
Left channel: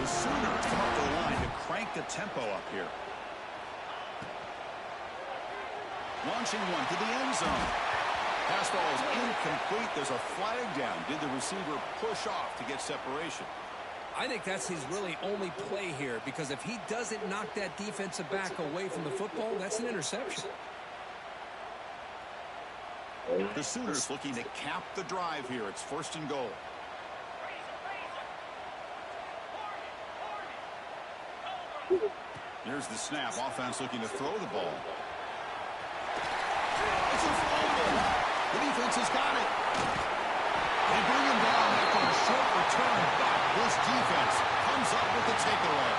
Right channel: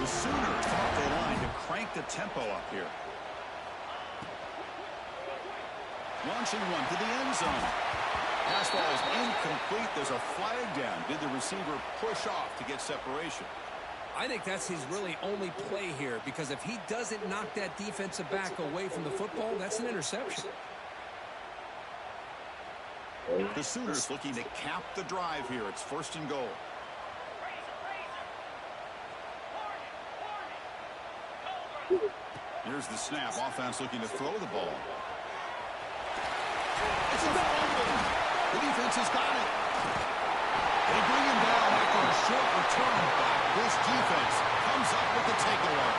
The Sooners come up to the line to crank the tempo up here. Launching one to the end zone. Pass ball is incomplete. There's a flag down. Did the receiver push off to get separation? I think that's his really only play here, because if he doesn't knock that defensive back away from the football, that's an interception. The Sooners looking to cap the drive here. It's first and goal. Here's the snap. Offense looking to throw the ball. It's a fumble. The defense has got it. They bring him down after a short return, but this defense comes up with the takeaway.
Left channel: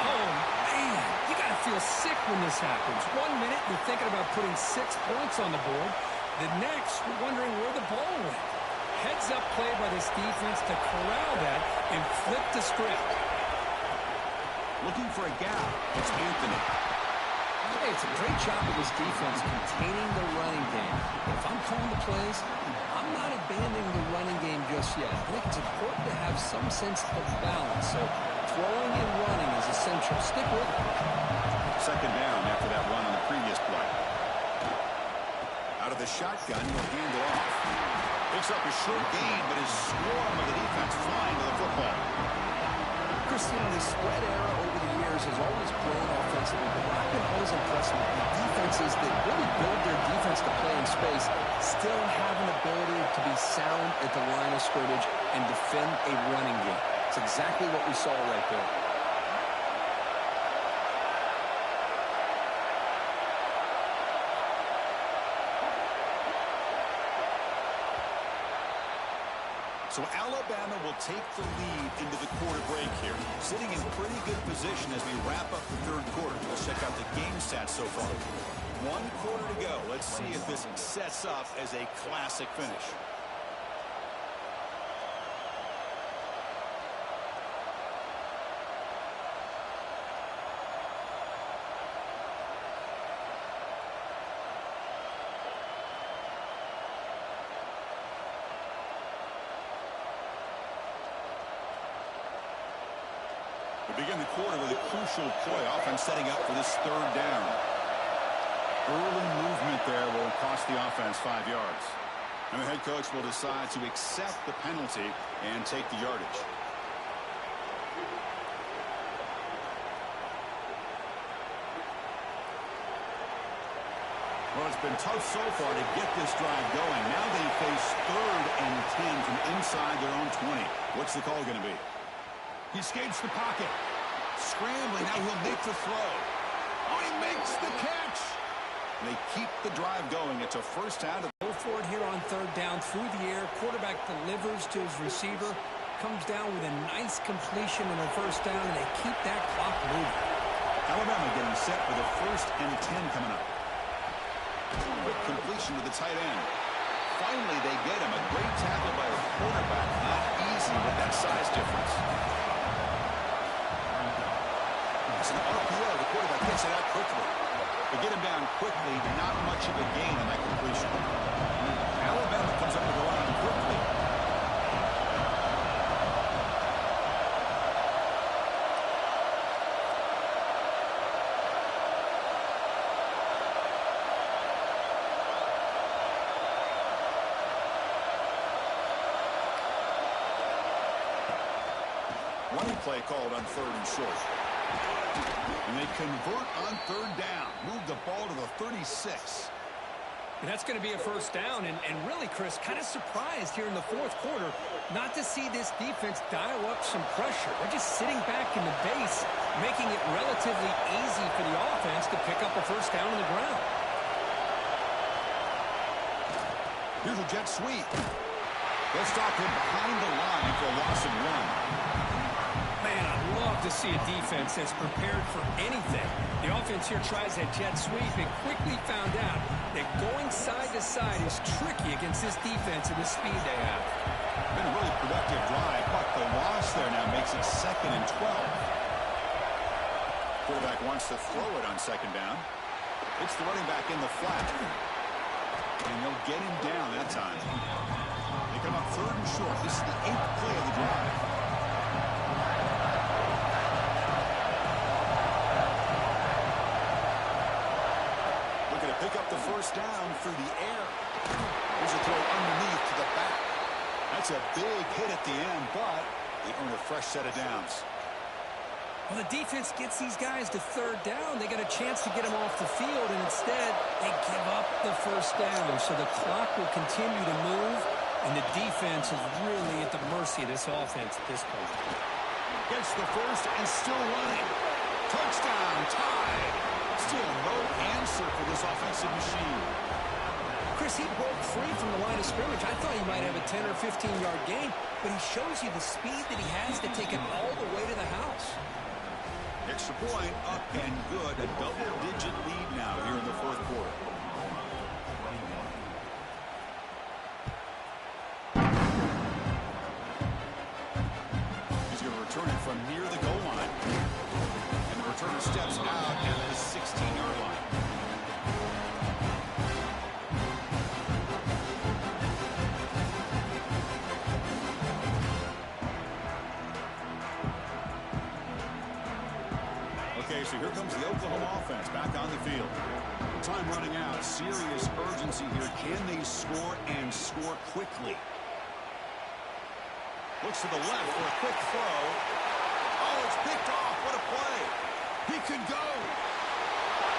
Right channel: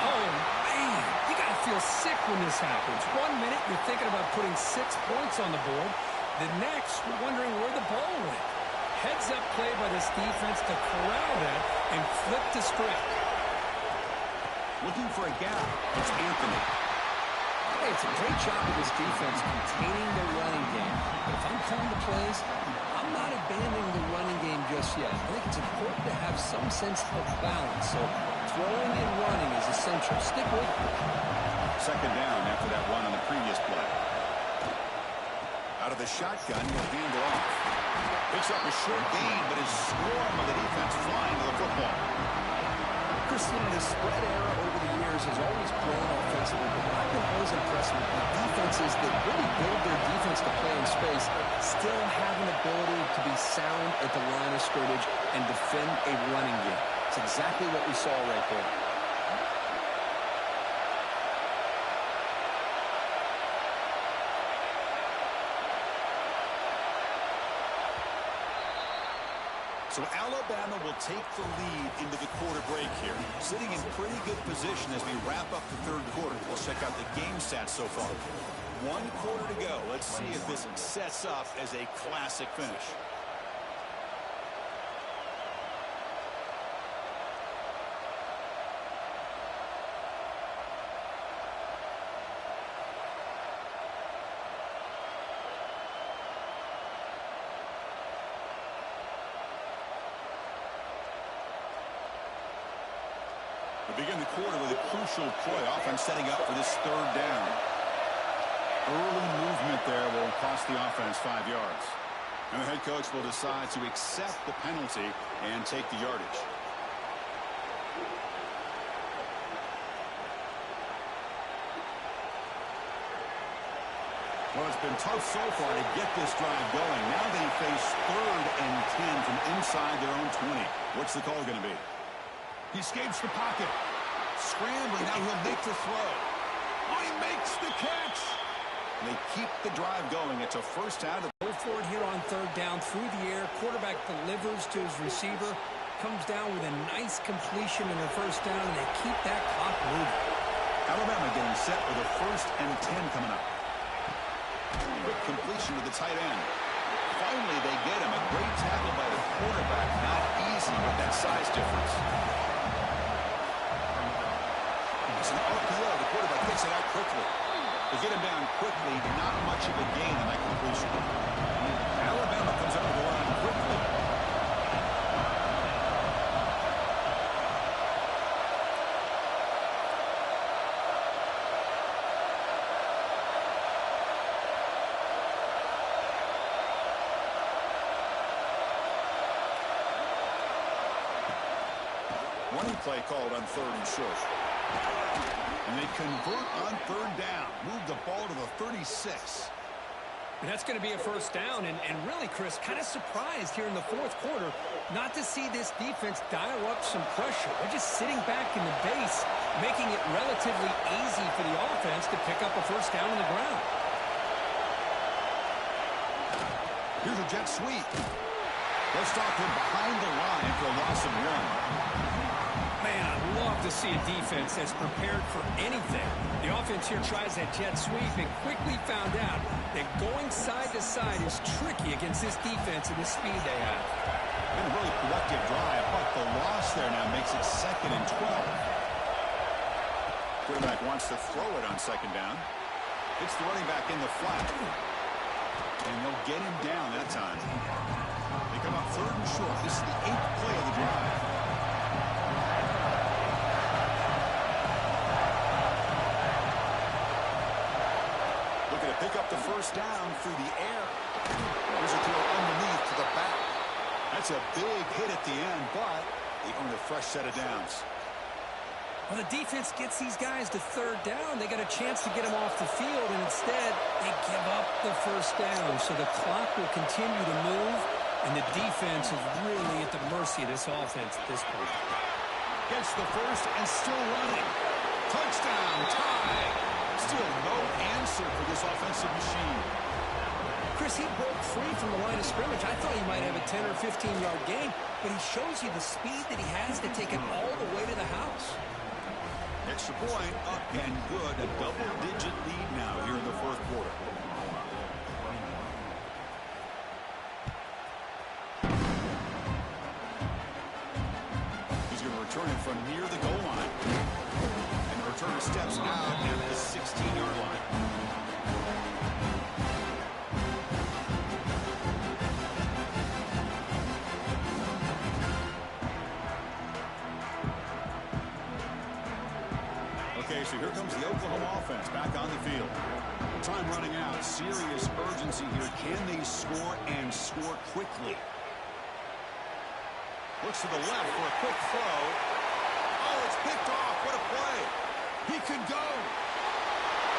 Oh, man, you got to feel sick when this happens. 1 minute, you're thinking about putting 6 points on the board. The next, you're wondering where the ball went. Heads-up play by this defense to corral that and flip the script. Looking for a gap. It's Anthony. Hey, it's a great job of this defense containing the running game. But if I'm calling the plays, I'm not abandoning the running game just yet. I think it's important to have some sense of balance. So throwing and running is essential. Stick with it. Second down after that run on the previous play. Out of the shotgun, he'll hand it off. Picks up a short gain, but his swarm of the defense flying to the football. Christian, the spread era over the years has always grown offensively, but what I've been always impressed with the defenses that really build their defense to play in space still have an ability to be sound at the line of scrimmage and defend a running game. It's exactly what we saw right there. So Alabama will take the lead into the quarter break here. Sitting in pretty good position as we wrap up the third quarter. We'll check out the game stats so far. 1 quarter to go. Let's see if this sets up as a classic finish. We begin the quarter with a crucial play. Offense setting up for this third down. Early movement there will cost the offense 5 yards. And the head coach will decide to accept the penalty and take the yardage. Well, it's been tough so far to get this drive going. Now they face 3rd and 10 from inside their own 20. What's the call going to be? He escapes the pocket. Scrambling. Now he'll make the throw. Oh, he makes the catch. And they keep the drive going. It's a first down. Go for it here on third down through the air. Quarterback delivers to his receiver. Comes down with a nice completion in their first down, and they keep that clock moving. Alabama getting set for the 1st and 10 coming up. Quick completion to the tight end. Finally, they get him. A great tackle by the quarterback. Not easy with that size difference. It's an RPO. The quarterback gets it out quickly. They get him down quickly. Not much of a gain on that completion. Alabama comes up with the line quickly. Running play called on 3rd and short. And they convert on 3rd down. Move the ball to the 36. And that's going to be a first down. And really, Chris, kind of surprised here in the 4th quarter not to see this defense dial up some pressure. They're just sitting back in the base, making it relatively easy for the offense to pick up a first down on the ground. Here's a jet sweep. They'll stop him behind the line for a loss of 1. Man, I'd love to see a defense that's prepared for anything. The offense here tries that jet sweep and quickly found out that going side to side is tricky against this defense and the speed they have. Been a really productive drive, but the loss there now makes it 2nd and 12. Quarterback wants to throw it on 2nd down. It's the running back in the flat. And they'll get him down that time. They come up 3rd and short. This is the 8th play of the drive. Looking to pick up the first down through the air. Here's a throw underneath to the back. That's a big hit at the end, but they earn a fresh set of downs. Well, the defense gets these guys to 3rd down. They got a chance to get them off the field, and instead they give up the first down. So the clock will continue to move, and the defense is really at the mercy of this offense at this point. Gets the first and still running. Touchdown, tied. Still no answer for this offensive machine. Chris, he broke free from the line of scrimmage. I thought he might have a 10 or 15-yard gain, but he shows you the speed that he has to take it all the way to the house. Extra point, up and good. A double-digit lead now here in the fourth quarter. He's going to return it from near the goal line. And the returner steps out at the 16-yard line. Okay, so here comes the Oklahoma offense back on the field. Time running out. Serious urgency here. Can they score and score quickly? Looks to the left for a quick throw. Oh, it's picked off. What a play. He could go.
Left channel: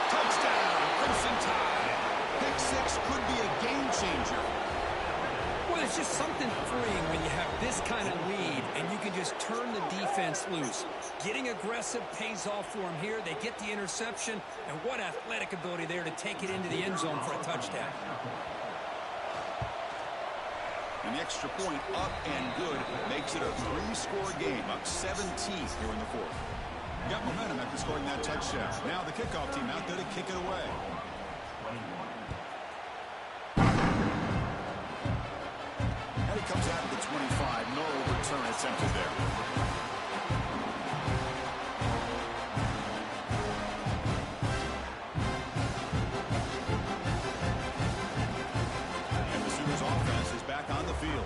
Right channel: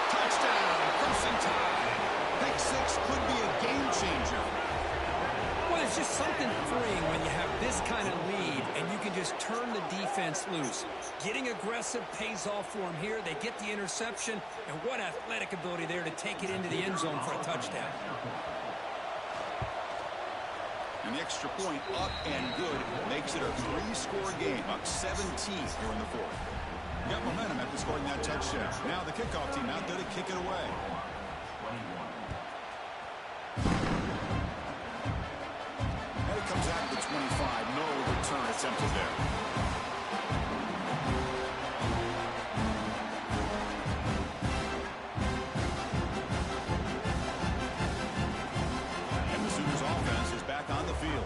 Touchdown, Crimson Tide. Pick six could be a game changer. Well, there's just something freeing when you have this kind of lead and you can just turn the defense loose. Getting aggressive pays off for them here. They get the interception, and what athletic ability there to take it into the end zone for a touchdown. And the extra point, up and good, makes it a three-score game, up 17 here in the fourth. Got momentum after scoring that touchdown. Now the kickoff team out there to kick it away. And it comes out of the 25. No return attempted there. And the Sooners offense is back on the field.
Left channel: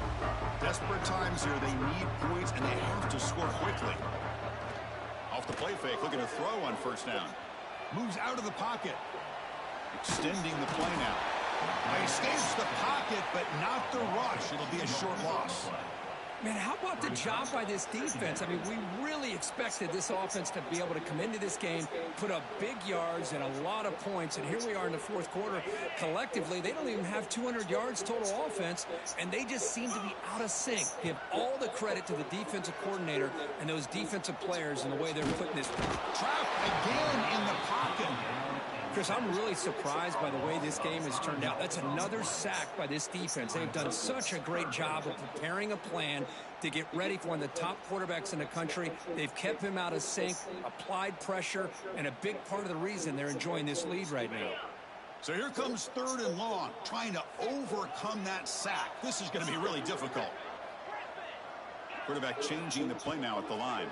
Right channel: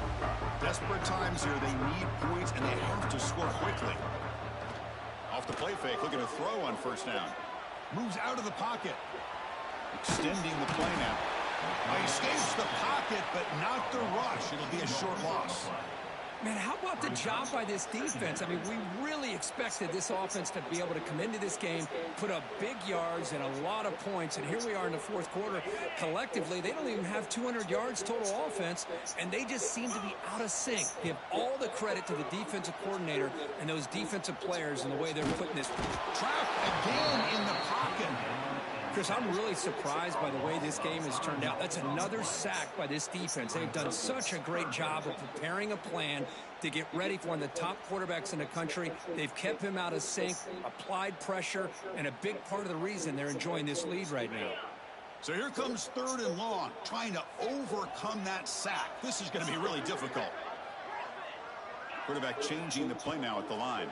Desperate times here. They need points, and they have to score quickly. Off the play fake, looking to throw on first down. Moves out of the pocket. Extending the play now. He escapes the pocket, but not the rush. It'll be a short loss. Man, how about the job by this defense? I mean, we really expected this offense to be able to come into this game, put up big yards and a lot of points, and here we are in the fourth quarter. Collectively, they don't even have 200 yards total offense, and they just seem to be out of sync. Give all the credit to the defensive coordinator and those defensive players in the way they're putting this. Trapped again in the pocket. Chris, I'm really surprised by the way this game has turned out. That's another sack by this defense. They've done such a great job of preparing a plan to get ready for one of the top quarterbacks in the country. They've kept him out of sync, applied pressure, and a big part of the reason they're enjoying this lead right now. So here comes third and long, trying to overcome that sack. This is going to be really difficult. Quarterback changing the play now at the line.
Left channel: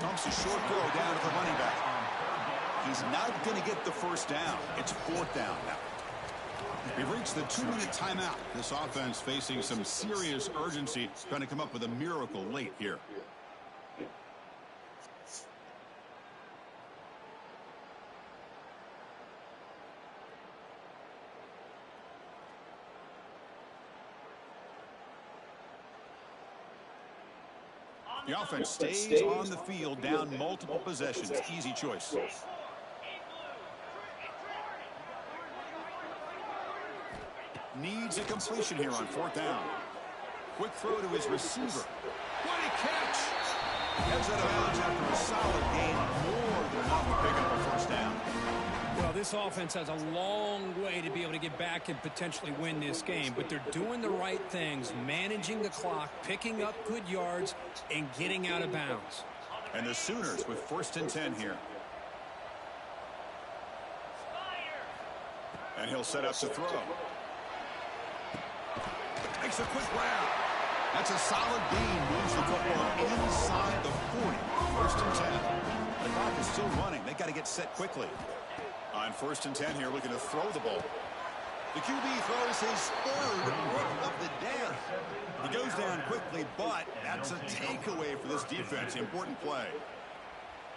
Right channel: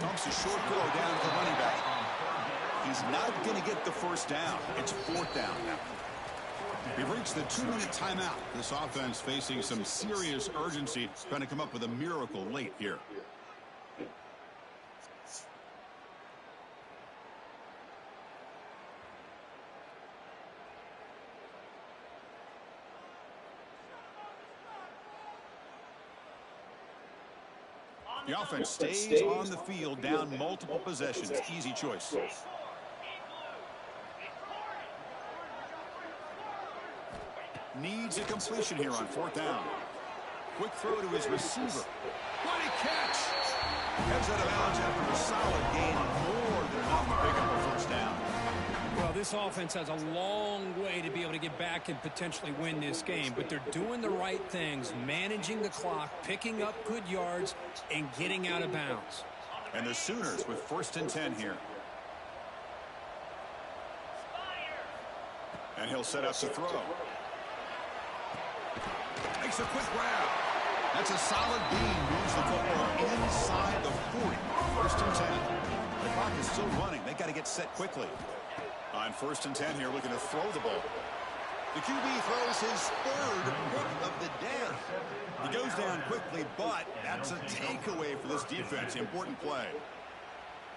Dumps a short throw down to the running back. He's not going to get the first down. It's fourth down now. We've reached the 2-minute timeout. This offense facing some serious urgency, trying to come up with a miracle late here. The offense stays on the field, down multiple possessions. Easy choice. Needs a completion here on fourth down. Quick throw to his receiver. What a catch! Heads out of bounds after a solid gain, more than enough to pick up a first down. Well, this offense has a long way to be able to get back and potentially win this game, but they're doing the right things, managing the clock, picking up good yards, and getting out of bounds. And the Sooners with first and 10 here. And he'll set up to throw. Makes a quick grab. That's a solid gain. Moves the football inside the 40. First and 10. The clock is still running. They got to get set quickly. On first and 10 here, looking to throw the ball. The QB throws his third pick of the day. He goes down quickly, but that's a takeaway for this defense. Important play.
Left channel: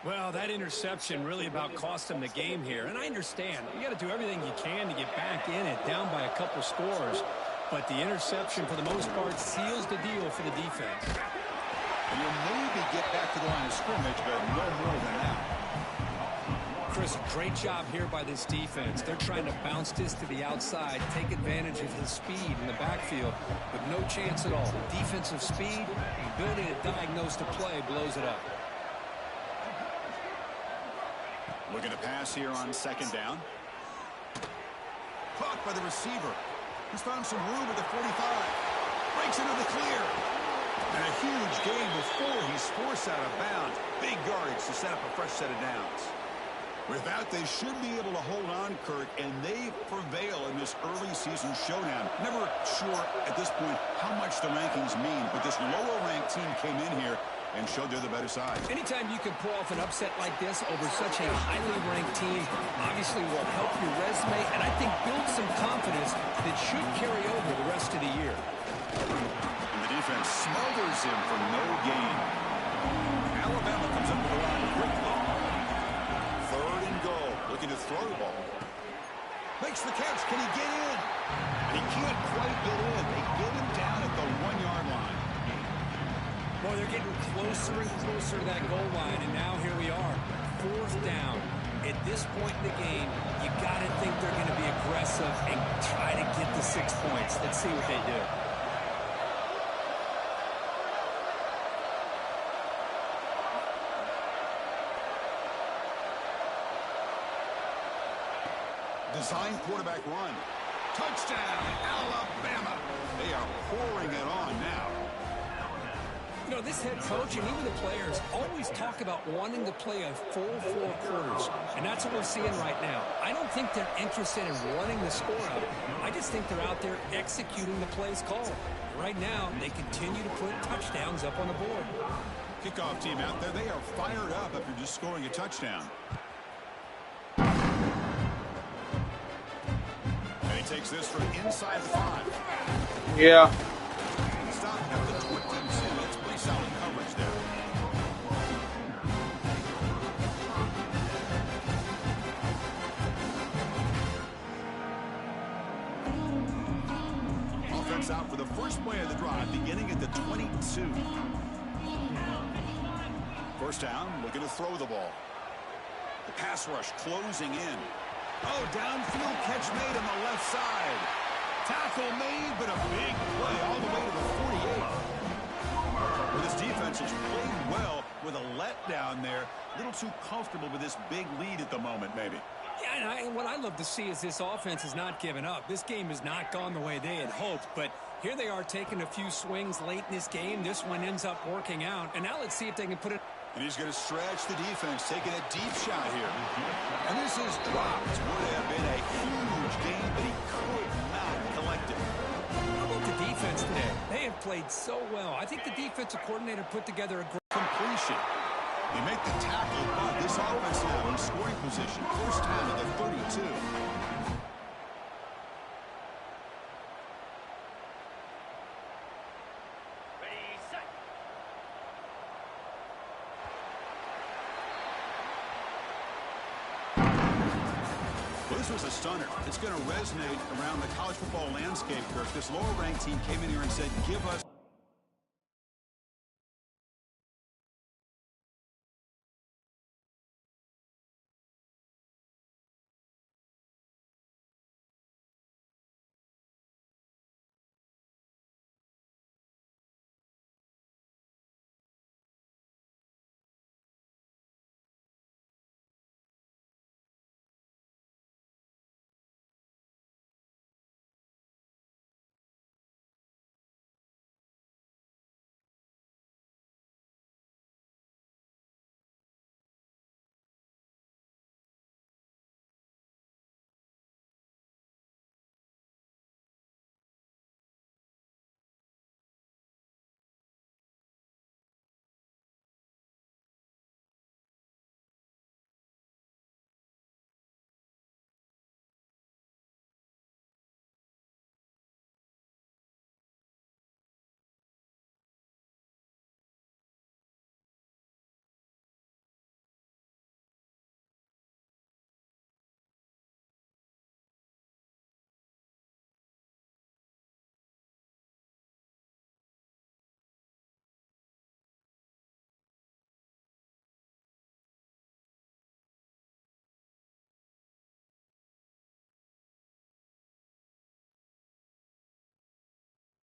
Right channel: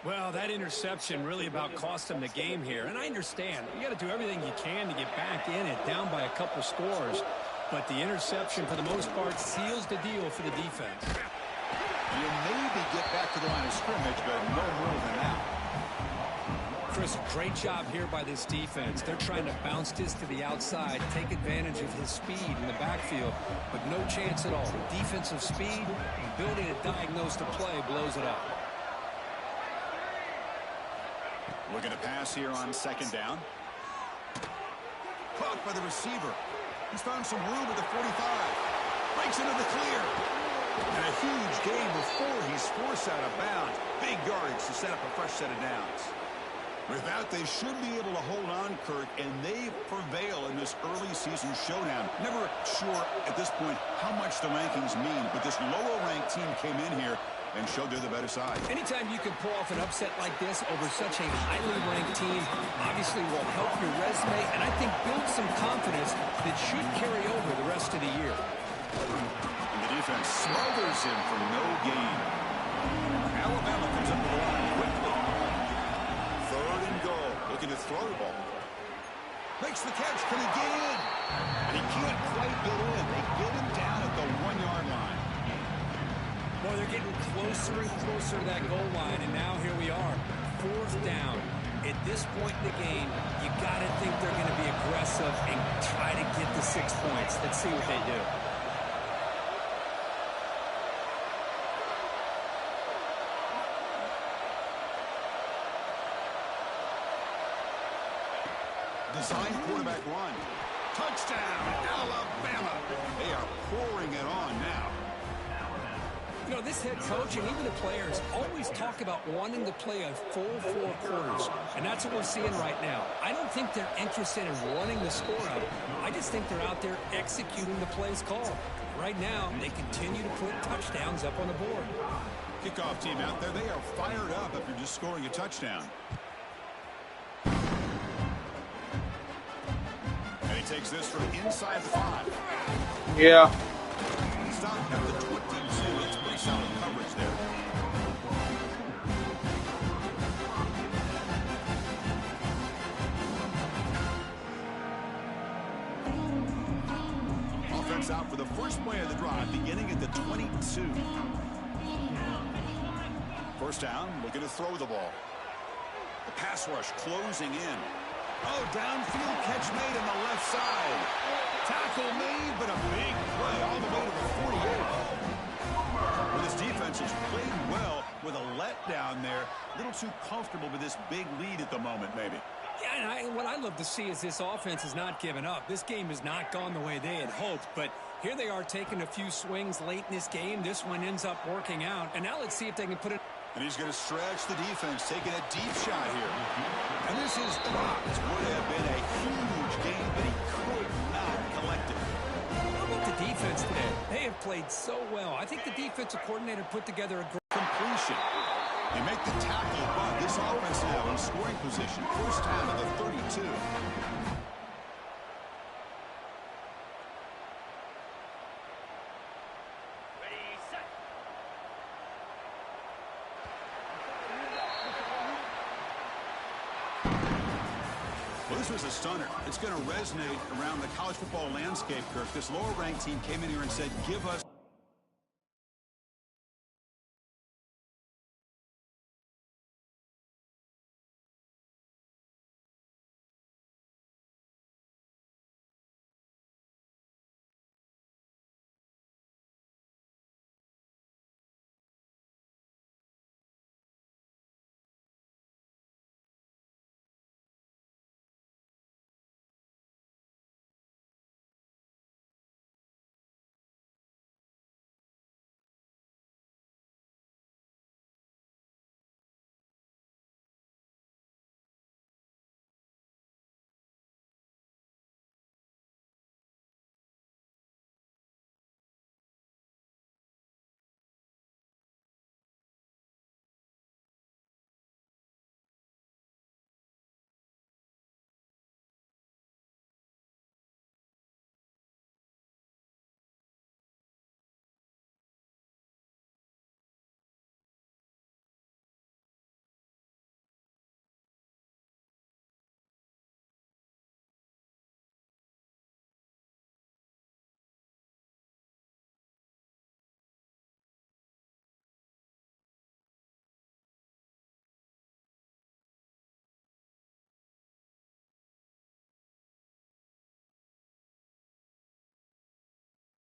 Well, that interception really about cost them the game here. And I understand. You got to do everything you can to get back in it, down by a couple scores. But the interception, for the most part, seals the deal for the defense. And you'll maybe get back to the line of scrimmage, but no more than that. Chris, great job here by this defense. They're trying to bounce this to the outside, take advantage of his speed in the backfield, but no chance at all. Defensive speed and ability to diagnose the play blows it up. Looking to pass here on second down. Caught by the receiver. He's found some room at the 45. Breaks into the clear. And a huge gain before he's forced out of bounds. Big yardage to set up a fresh set of downs. With that, they should be able to hold on, Kirk, and they prevail in this early season showdown. Never sure at this point how much the rankings mean, but this lower-ranked team came in here and showed they're the better side. Anytime you can pull off an upset like this over such a highly ranked team, obviously will help your resume, and I think build some confidence that should carry over the rest of the year. And the defense smothers him for no gain. Alabama comes up with the line quickly. Third and goal. Looking to throw the ball. Makes the catch. Can he get in? And he can't quite get in. They get him down at the 1-yard line. Boy, they're getting closer and closer to that goal line, and now here we are. Fourth down. At this point in the game, you got to think they're going to be aggressive and try to get the 6 points. Let's see what they do. Design quarterback run. Touchdown, Alabama. They are pouring it on now. You know, this head coach and even the players always talk about wanting to play a full 4 quarters, and that's what we're seeing right now. I don't think they're interested in running the score up. I just think they're out there executing the plays called. Right now, they continue to put touchdowns up on the board. Kickoff team out there, they are fired up after just scoring a touchdown. And he takes this from inside the 5. Yeah. Stop at the 22. It's pretty solid coverage there. Offense out for the first play of the drive, beginning at the 22. First down, looking to throw the ball. The pass rush closing in. Oh, downfield catch made on the left side. Tackle made, but a big play all the way to the 48. Well, this defense has played well with a letdown there. A little too comfortable with this big lead at the moment, maybe. Yeah, and what I love to see is this offense has not given up. This game has not gone the way they had hoped, but here they are taking a few swings late in this game. This one ends up working out, and now let's see if they can put it. And he's going to stretch the defense, taking a deep shot here. And this is dropped. Would have been a huge gain, but he could not collect it. How about the defense today? They have played so well. I think the defensive coordinator put together a great completion. They make the tackle, but this offense now in scoring position. First down at the 32. Well, this was a stunner. It's going to resonate around the college football landscape, Kirk. This lower-ranked team came in here and said, give us